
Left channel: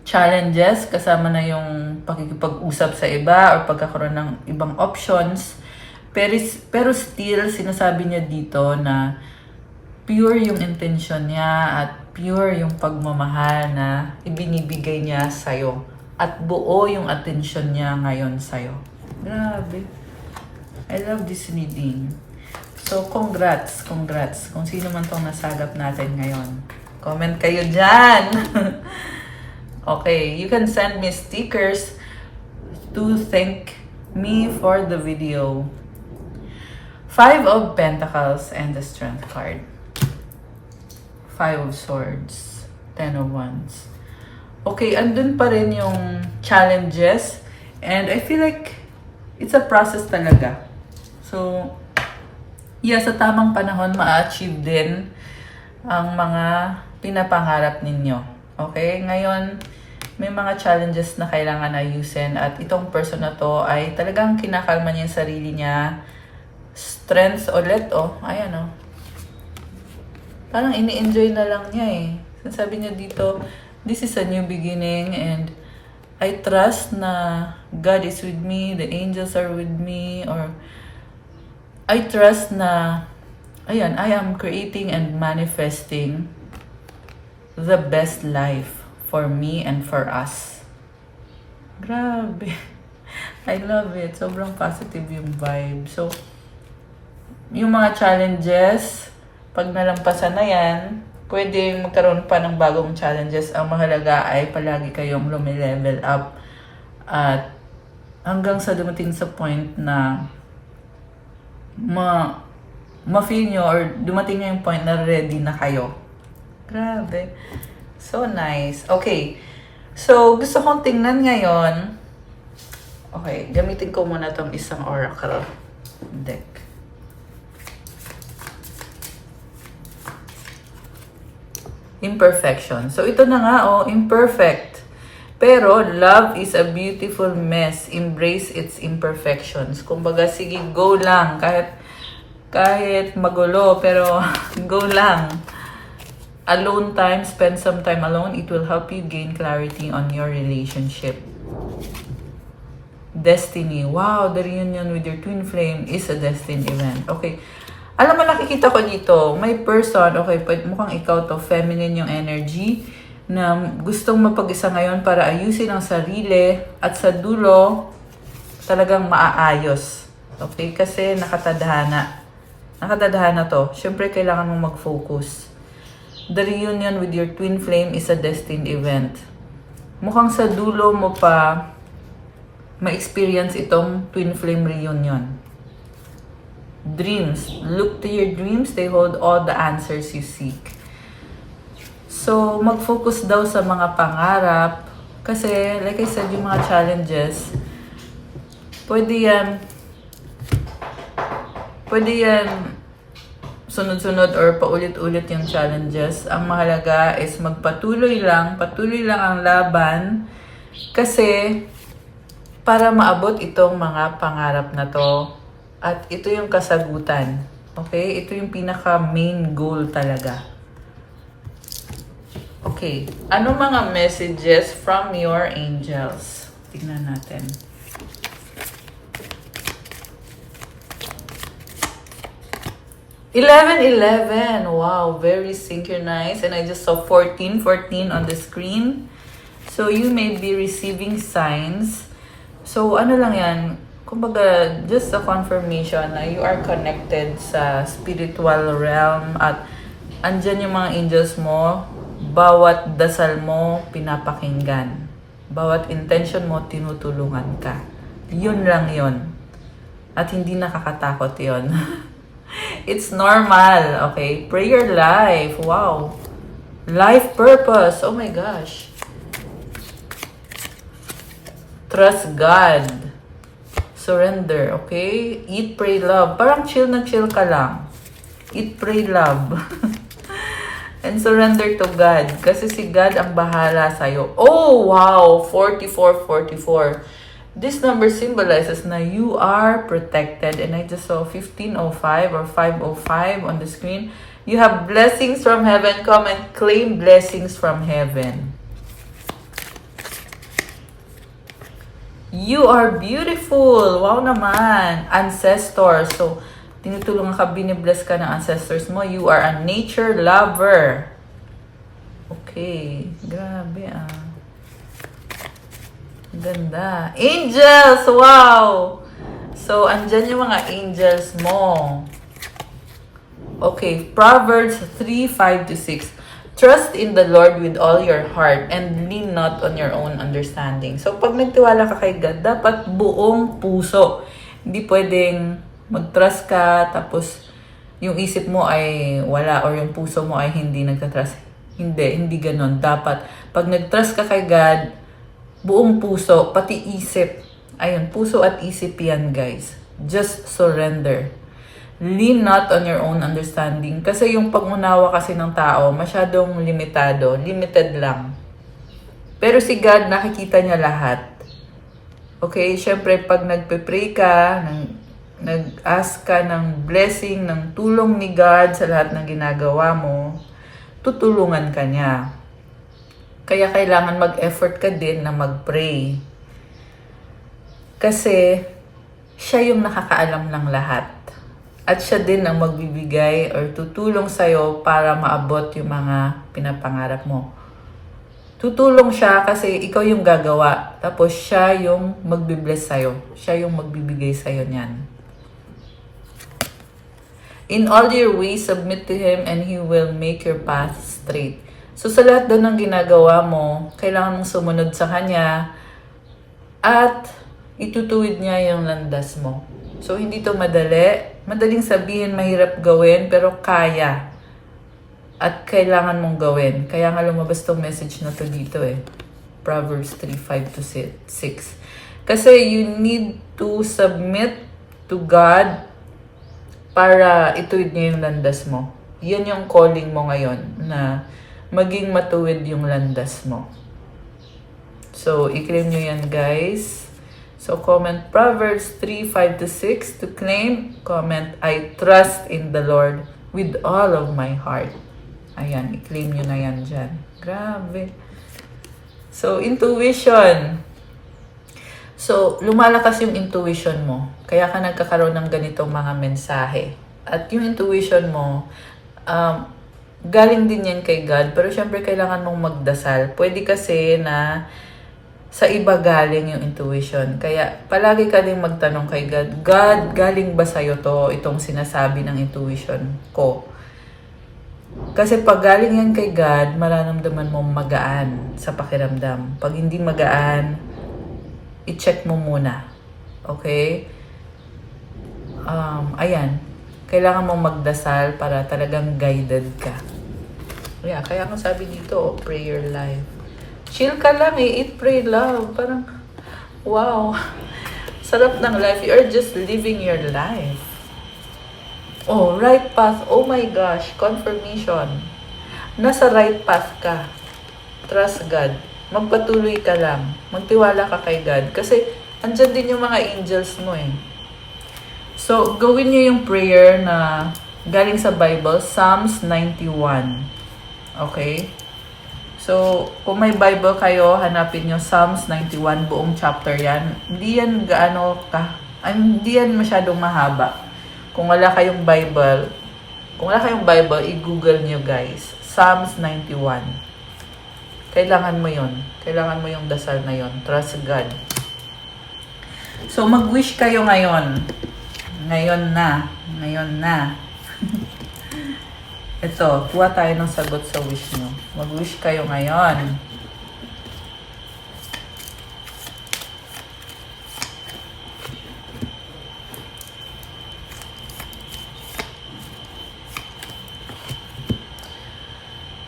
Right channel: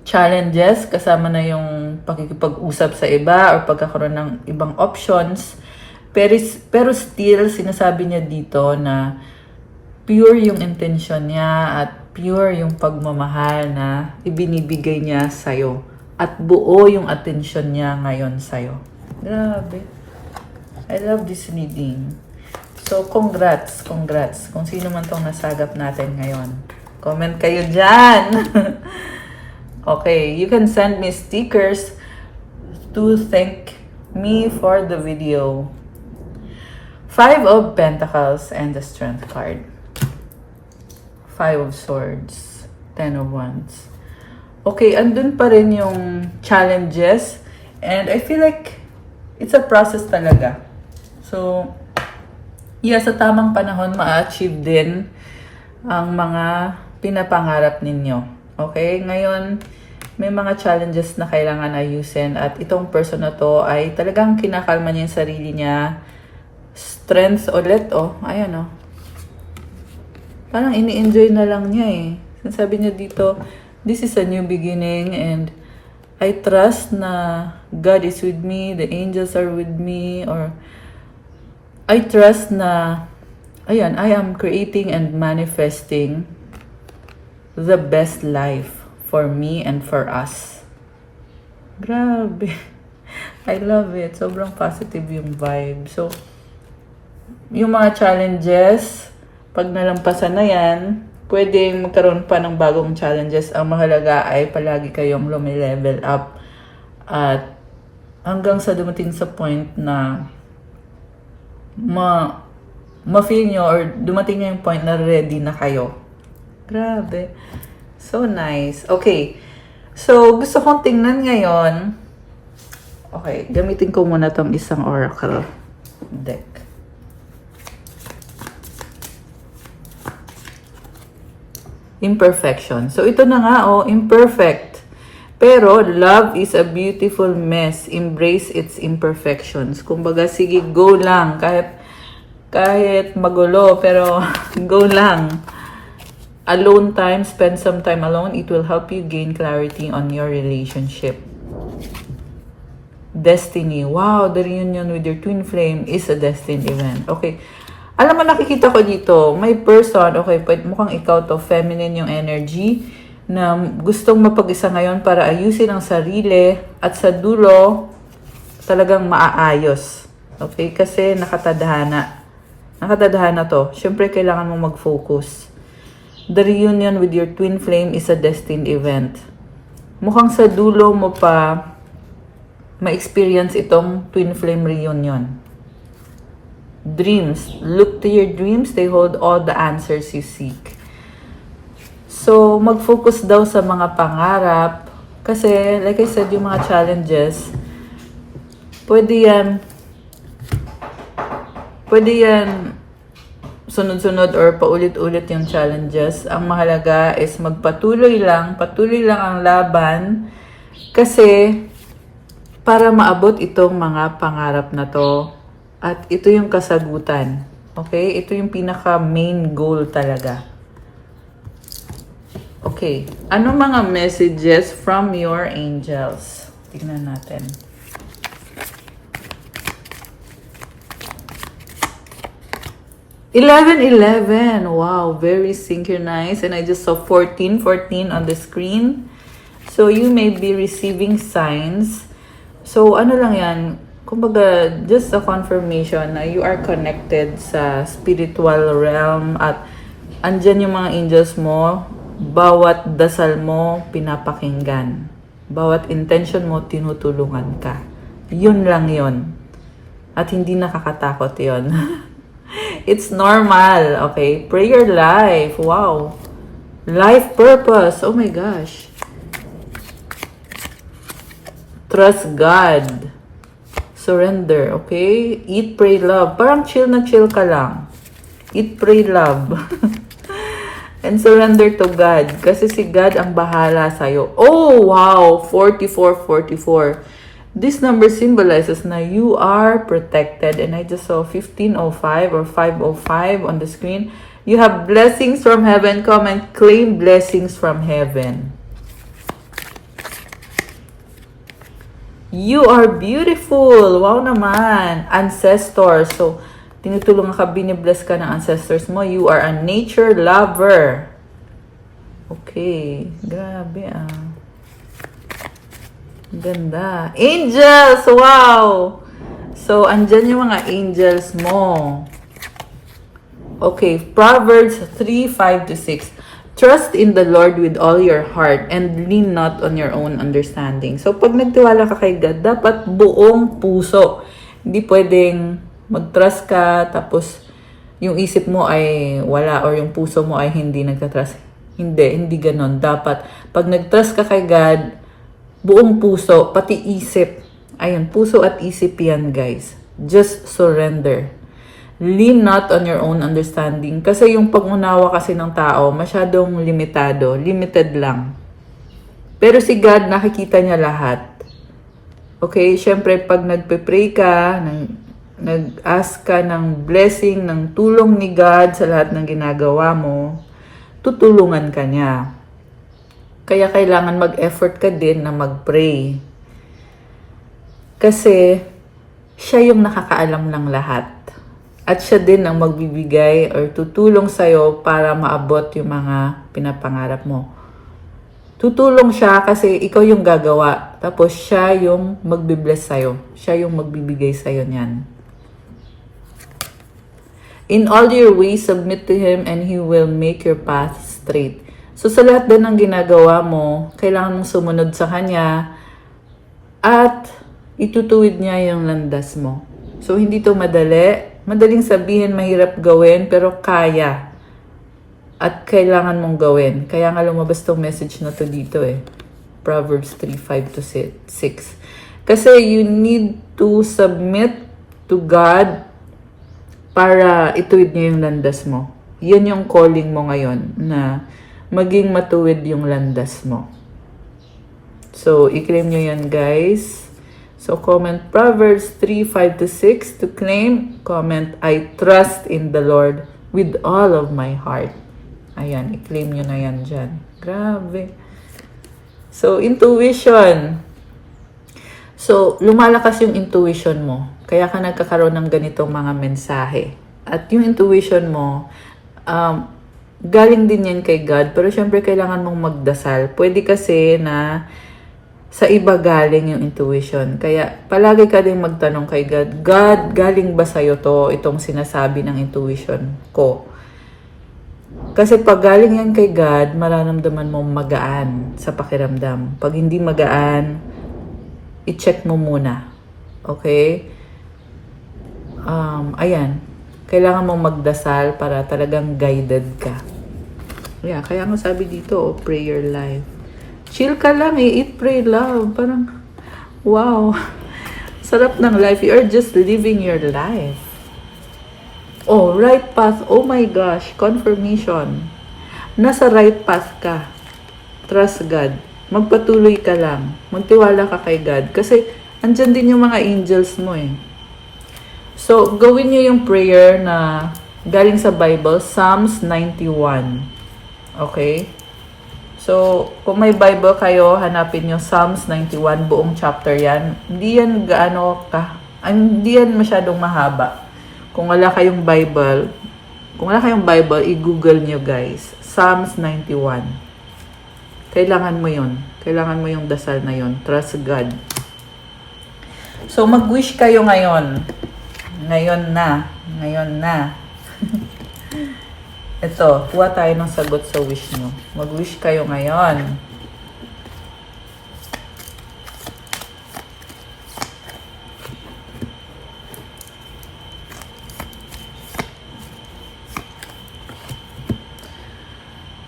challenges, kasama na yung pakikipag-usap sa iba or pagkakaroon ng ibang options, pero still sinasabi niya dito na pure yung intention niya at pure yung pagmamahal na ibinibigay niya sa'yo. At buo yung attention niya ngayon sa'yo. Grabe. I love this reading. So, congrats. Kung sino man tong nasagap natin ngayon. Comment kayo dyan. Okay, you can send me stickers to thank me for the video. 5 of Pentacles and the Strength card. 5 of Swords. 10 of Wands. Okay, andun pa rin yung challenges. And I feel like it's a process talaga. So, yeah, sa tamang panahon, ma-achieve din ang mga pinapangarap ninyo. Okay, ngayon, may mga challenges na kailangan ayusin at itong person na to ay talagang kinakalma niya yung sarili niya. Strength ulit, ayan Parang ini-enjoy na lang niya eh. Sabi niya dito, this is a new beginning and I trust na God is with me, the angels are with me, or I trust na, ayan, I am creating and manifesting the best life for me and for us. Grabe. I love it. Sobrang positive yung vibe. So, yung mga challenges, pag nalampasan na yan, pwedeng magkaroon pa ng bagong challenges. Ang mahalaga ay palagi kayong lumilevel up at hanggang sa dumating sa point na ma-feel nyo or dumating na yung point na ready na kayo. Grabe. So nice. Okay. So, gusto kong tingnan ngayon. Okay, gamitin ko muna tong isang oracle deck. Imperfection. So, ito na nga, imperfect. Pero, love is a beautiful mess. Embrace its imperfections. Kumbaga, sige, go lang. Kahit magulo, pero go lang. Alone time, spend some time alone. It will help you gain clarity on your relationship. Destiny. Wow, the reunion with your twin flame is a destined event. Okay. Alam mo, nakikita ko dito, may person, okay, mukhang ikaw to, feminine yung energy, na gustong mapag-isa ngayon para ayusin ang sarili, at sa dulo, talagang maaayos. Okay, kasi nakatadhana. Nakatadhana to. Siyempre, kailangan mong mag-focus. The reunion with your twin flame is a destined event. Mukhang sa dulo mo pa ma-experience itong twin flame reunion. Dreams. Look to your dreams. They hold all the answers you seek. So, mag-focus daw sa mga pangarap. Kasi, like I said, yung mga challenges, pwede yan sunod-sunod or paulit-ulit yung challenges. Ang mahalaga is patuloy lang ang laban. Kasi, para maabot itong mga pangarap na to, at ito yung kasagutan. Okay? Ito yung pinaka-main goal talaga. Okay. Ano mga messages from your angels? Tingnan natin. $11. Wow, very synchronized. And I just saw 14 on the screen. So, you may be receiving signs. So, ano lang yan? Kumbaga, just a confirmation na you are connected sa spiritual realm at andyan yung mga angels mo, bawat dasal mo, pinapakinggan. Bawat intention mo, tinutulungan ka. Yun lang yun. At hindi nakakatakot yun. It's normal, okay? Prayer life, wow. Life purpose, oh my gosh. Trust God. Surrender, okay? Eat, pray, love. Parang chill na chill ka lang. Eat, pray, love. And surrender to God. Kasi si God ang bahala sa'yo. Oh, wow! 44, 44. This number symbolizes na you are protected. And I just saw 1505 or 505 on the screen. You have blessings from heaven. Come and claim blessings from heaven. You are beautiful. Wow naman. Ancestors. So, tinutulungan ka, binibless ka ng ancestors mo. You are a nature lover. Okay. Grabe ah. Ganda. Angels! Wow! So, andyan yung mga angels mo. Okay. Proverbs 3:5-6. Trust in the Lord with all your heart and lean not on your own understanding. So, pag nagtiwala ka kay God, dapat buong puso. Hindi pwedeng mag-trust ka, tapos yung isip mo ay wala or yung puso mo ay hindi nagka-trust. Hindi ganon. Dapat, pag nag-trust ka kay God, buong puso, pati isip. Ayun, puso at isip yan, guys. Just surrender. Lean not on your own understanding. Kasi yung pag-unawa kasi ng tao, masyadong limitado. Limited lang. Pero si God, nakikita niya lahat. Okay? Siyempre, pag nagpe-pray ka, nag-ask ka ng blessing, ng tulong ni God sa lahat ng ginagawa mo, tutulungan ka niya. Kaya kailangan mag-effort ka din na mag-pray. Kasi, siya yung nakakaalam ng lahat. At siya din ang magbibigay or tutulong sa'yo para maabot yung mga pinapangarap mo. Tutulong siya kasi ikaw yung gagawa. Tapos siya yung magbibless sa'yo. Siya yung magbibigay sa'yo niyan. In all your ways, submit to Him and He will make your path straight. So sa lahat din ng ginagawa mo, kailangan mong sumunod sa Kanya at itutuwid niya yung landas mo. So hindi to madali. Madaling sabihin, mahirap gawin, pero kaya. At kailangan mong gawin. Kaya nga lumabas tong message na to dito eh. Proverbs 3:5-6. Kasi you need to submit to God para ituwid niya yung landas mo. Yan yung calling mo ngayon, na maging matuwid yung landas mo. So, i-claim nyo yan, guys. So, comment Proverbs 3:5-6 to claim. Comment, I trust in the Lord with all of my heart. Ayan, i-claim nyo na yan dyan. Grabe. So, intuition. So, lumalakas yung intuition mo. Kaya ka nagkakaroon ng ganitong mga mensahe. At yung intuition mo, galing din yan kay God. Pero syempre, kailangan mong magdasal. Pwede kasi na sa iba galing yung intuition. Kaya palagi ka din magtanong kay God, God, galing ba sa'yo to, itong sinasabi ng intuition ko? Kasi pag galing yan kay God, mararamdaman mo magaan sa pakiramdam. Pag hindi magaan, i-check mo muna. Okay? Ayan. Kailangan mo magdasal para talagang guided ka. Yeah, kaya nga sabi dito, prayer life. Chill ka lang eh. Eat, pray, love. Parang, wow. Sarap ng life. You are just living your life. Oh, right path. Oh my gosh. Confirmation. Nasa right path ka. Trust God. Magpatuloy ka lang. Magtiwala ka kay God. Kasi, andyan din yung mga angels mo eh. So, gawin nyo yung prayer na galing sa Bible, Psalms 91. Okay? So, kung may Bible kayo, hanapin nyo Psalms 91, buong chapter yan. Hindi yan hindi yan masyadong mahaba. Kung wala kayong Bible, i-google nyo guys. Psalms 91. Kailangan mo yun. Kailangan mo yung dasal na yun. Trust God. So, mag-wish kayo ngayon. Ngayon na. Ito, kuha tayo ng sagot sa wish nyo. Mag-wish kayo ngayon.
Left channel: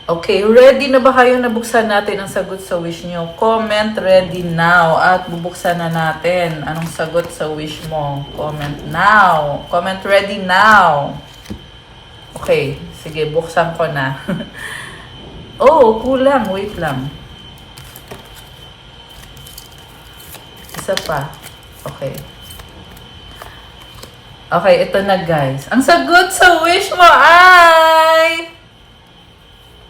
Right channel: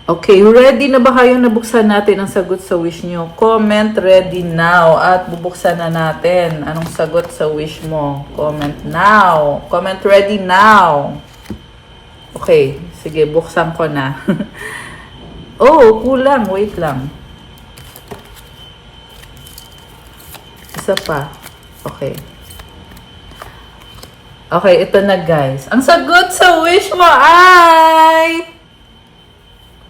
Okay, ready na ba kayo na buksan natin ang sagot sa wish nyo? Comment ready now at bubuksan na natin anong sagot sa wish mo. Comment now. Comment ready now. Okay, sige, buksan ko na. Oh, kulang. Wait lang. Isa pa. Okay. Okay, ito na guys. Ang sagot sa wish mo ay...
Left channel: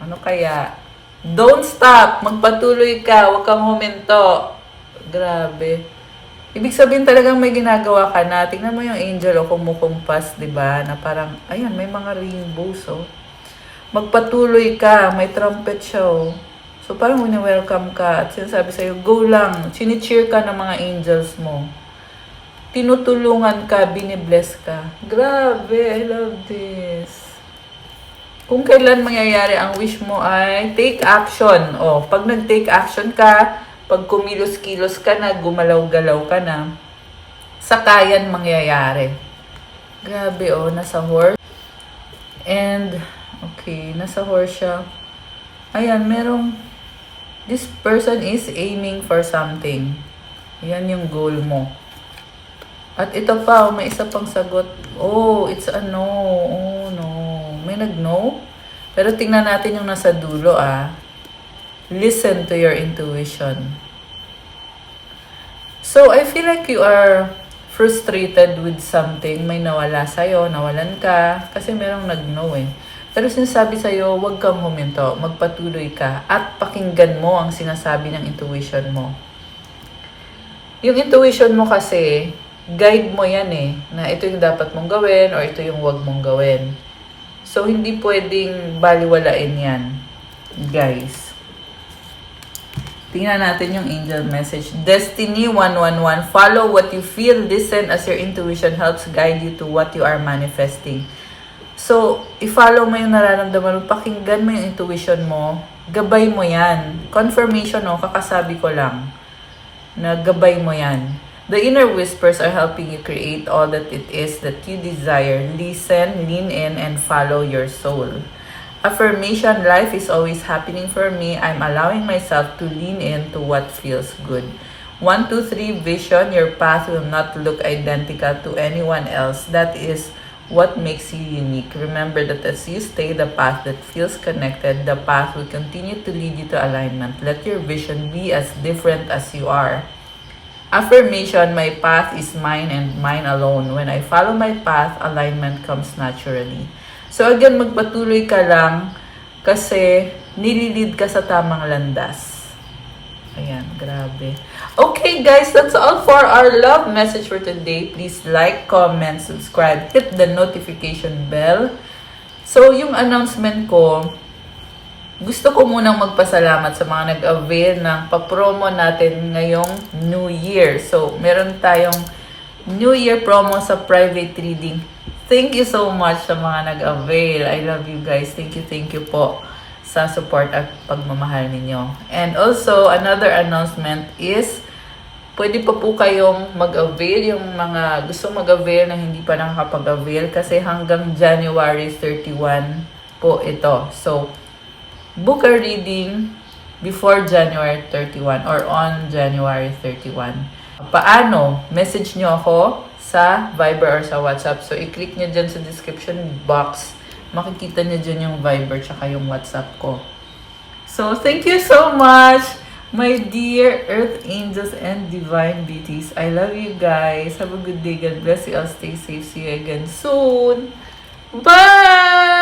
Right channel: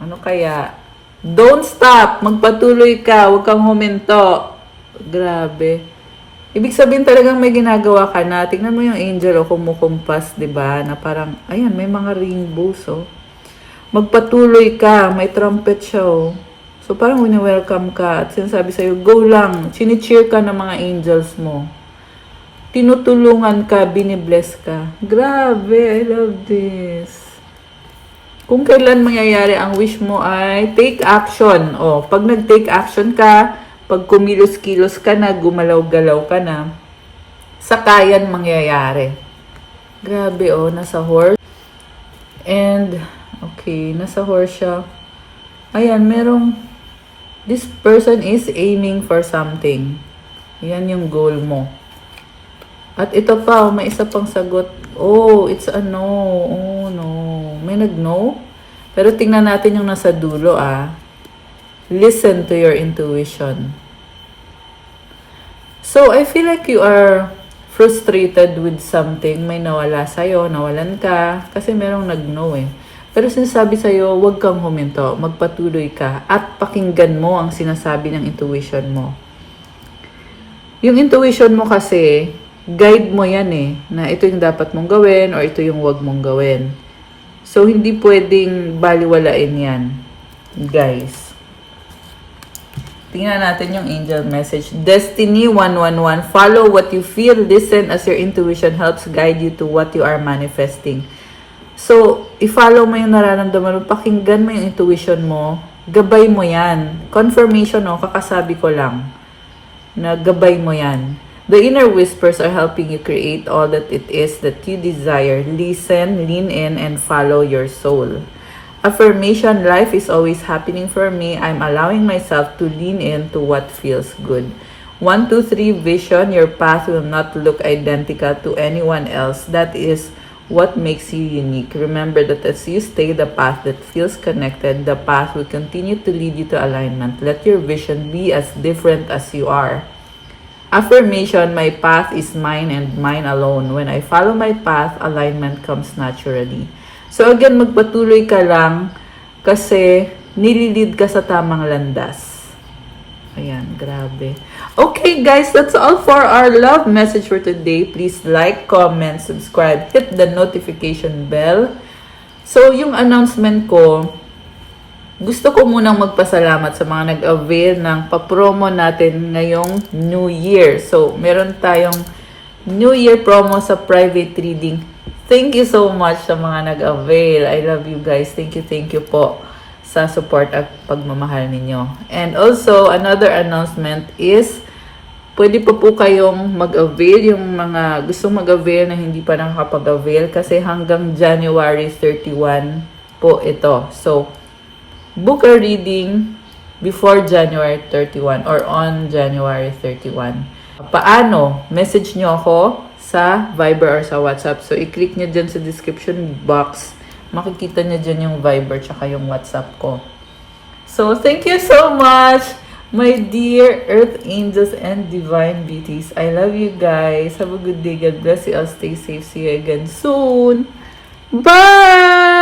Ano kaya? Don't stop. Magpatuloy ka. Huwag kang huminto. Grabe. Ibig sabihin talagang may ginagawa ka na. Tingnan mo yung angel o kumukumpas, di ba? Na parang, ayan, may mga rainbows, oh. Magpatuloy ka. May trumpet siya, oh. So, parang wini-welcome ka at sinasabi sa'yo, go lang. Chini-cheer ka ng mga angels mo. Tinutulungan ka, binibless ka. Grabe, I love this. Kung kailan mangyayari ang wish mo ay take action. O, pag nag-take action ka, pag kumilos-kilos ka na, gumalaw-galaw ka na, sakayan mangyayari. Grabe, oh, nasa horse. And, okay, nasa horse siya. Ayan, merong, this person is aiming for something. Yan yung goal mo. At ito pa, may isa pang sagot. Oh, it's a no. Oh, no. May nag-no? Pero tingnan natin yung nasa dulo, ah. Listen to your intuition. So, I feel like you are frustrated with something. May nawala sa'yo, nawalan ka. Kasi merong nag-no eh. Pero sinasabi sa'yo, huwag kang huminto. Magpatuloy ka. At pakinggan mo ang sinasabi ng intuition mo. Yung intuition mo kasi, guide mo yan eh. Na ito yung dapat mong gawin or ito yung huwag mong gawin. So, hindi pwedeng baliwalain yan. Guys. Tingnan natin yung angel message. Destiny 111. Follow what you feel. Listen as your intuition helps guide you to what you are manifesting. So, i-follow mo yung nararamdaman mo. Pakinggan mo yung intuition mo. Gabay mo yan. Confirmation, no? Kakasabi ko lang. Na gabay mo yan. The inner whispers are helping you create all that it is that you desire. Listen, lean in, and follow your soul. Affirmation, life is always happening for me. I'm allowing myself to lean into what feels good. 1, 2, 3, vision. Your path will not look identical to anyone else. That is what makes you unique. Remember that as you stay the path that feels connected, the path will continue to lead you to alignment. Let your vision be as different as you are. Affirmation, my path is mine and mine alone. When I follow my path, alignment comes naturally. So again, magpatuloy ka lang kasi nililid ka sa tamang landas. Ayan, grabe. Okay guys, that's all for our love message for today. Please like, comment, subscribe, hit the notification bell. So yung announcement ko, gusto ko munang magpasalamat sa mga nag-avail ng pa-promo natin ngayong New Year. So meron tayong New Year promo sa private reading. Thank you so much sa mga nag-avail. I love you guys. Thank you po sa support at pagmamahal ninyo. And also, another announcement is, pwede po kayong mag-avail, yung mga gustong mag-avail na hindi pa nakakapag-avail kasi hanggang January 31 po ito. So, book a reading before January 31 or on January 31. Paano? Message nyo ako sa Viber or sa WhatsApp. So, i-click nyo dyan sa description box. Makikita nyo dyan yung Viber tsaka yung WhatsApp ko. So, thank you so much, my dear Earth Angels and Divine Beauties. I love you guys. Have a good day. God bless you all. Stay safe. See you again soon. Bye!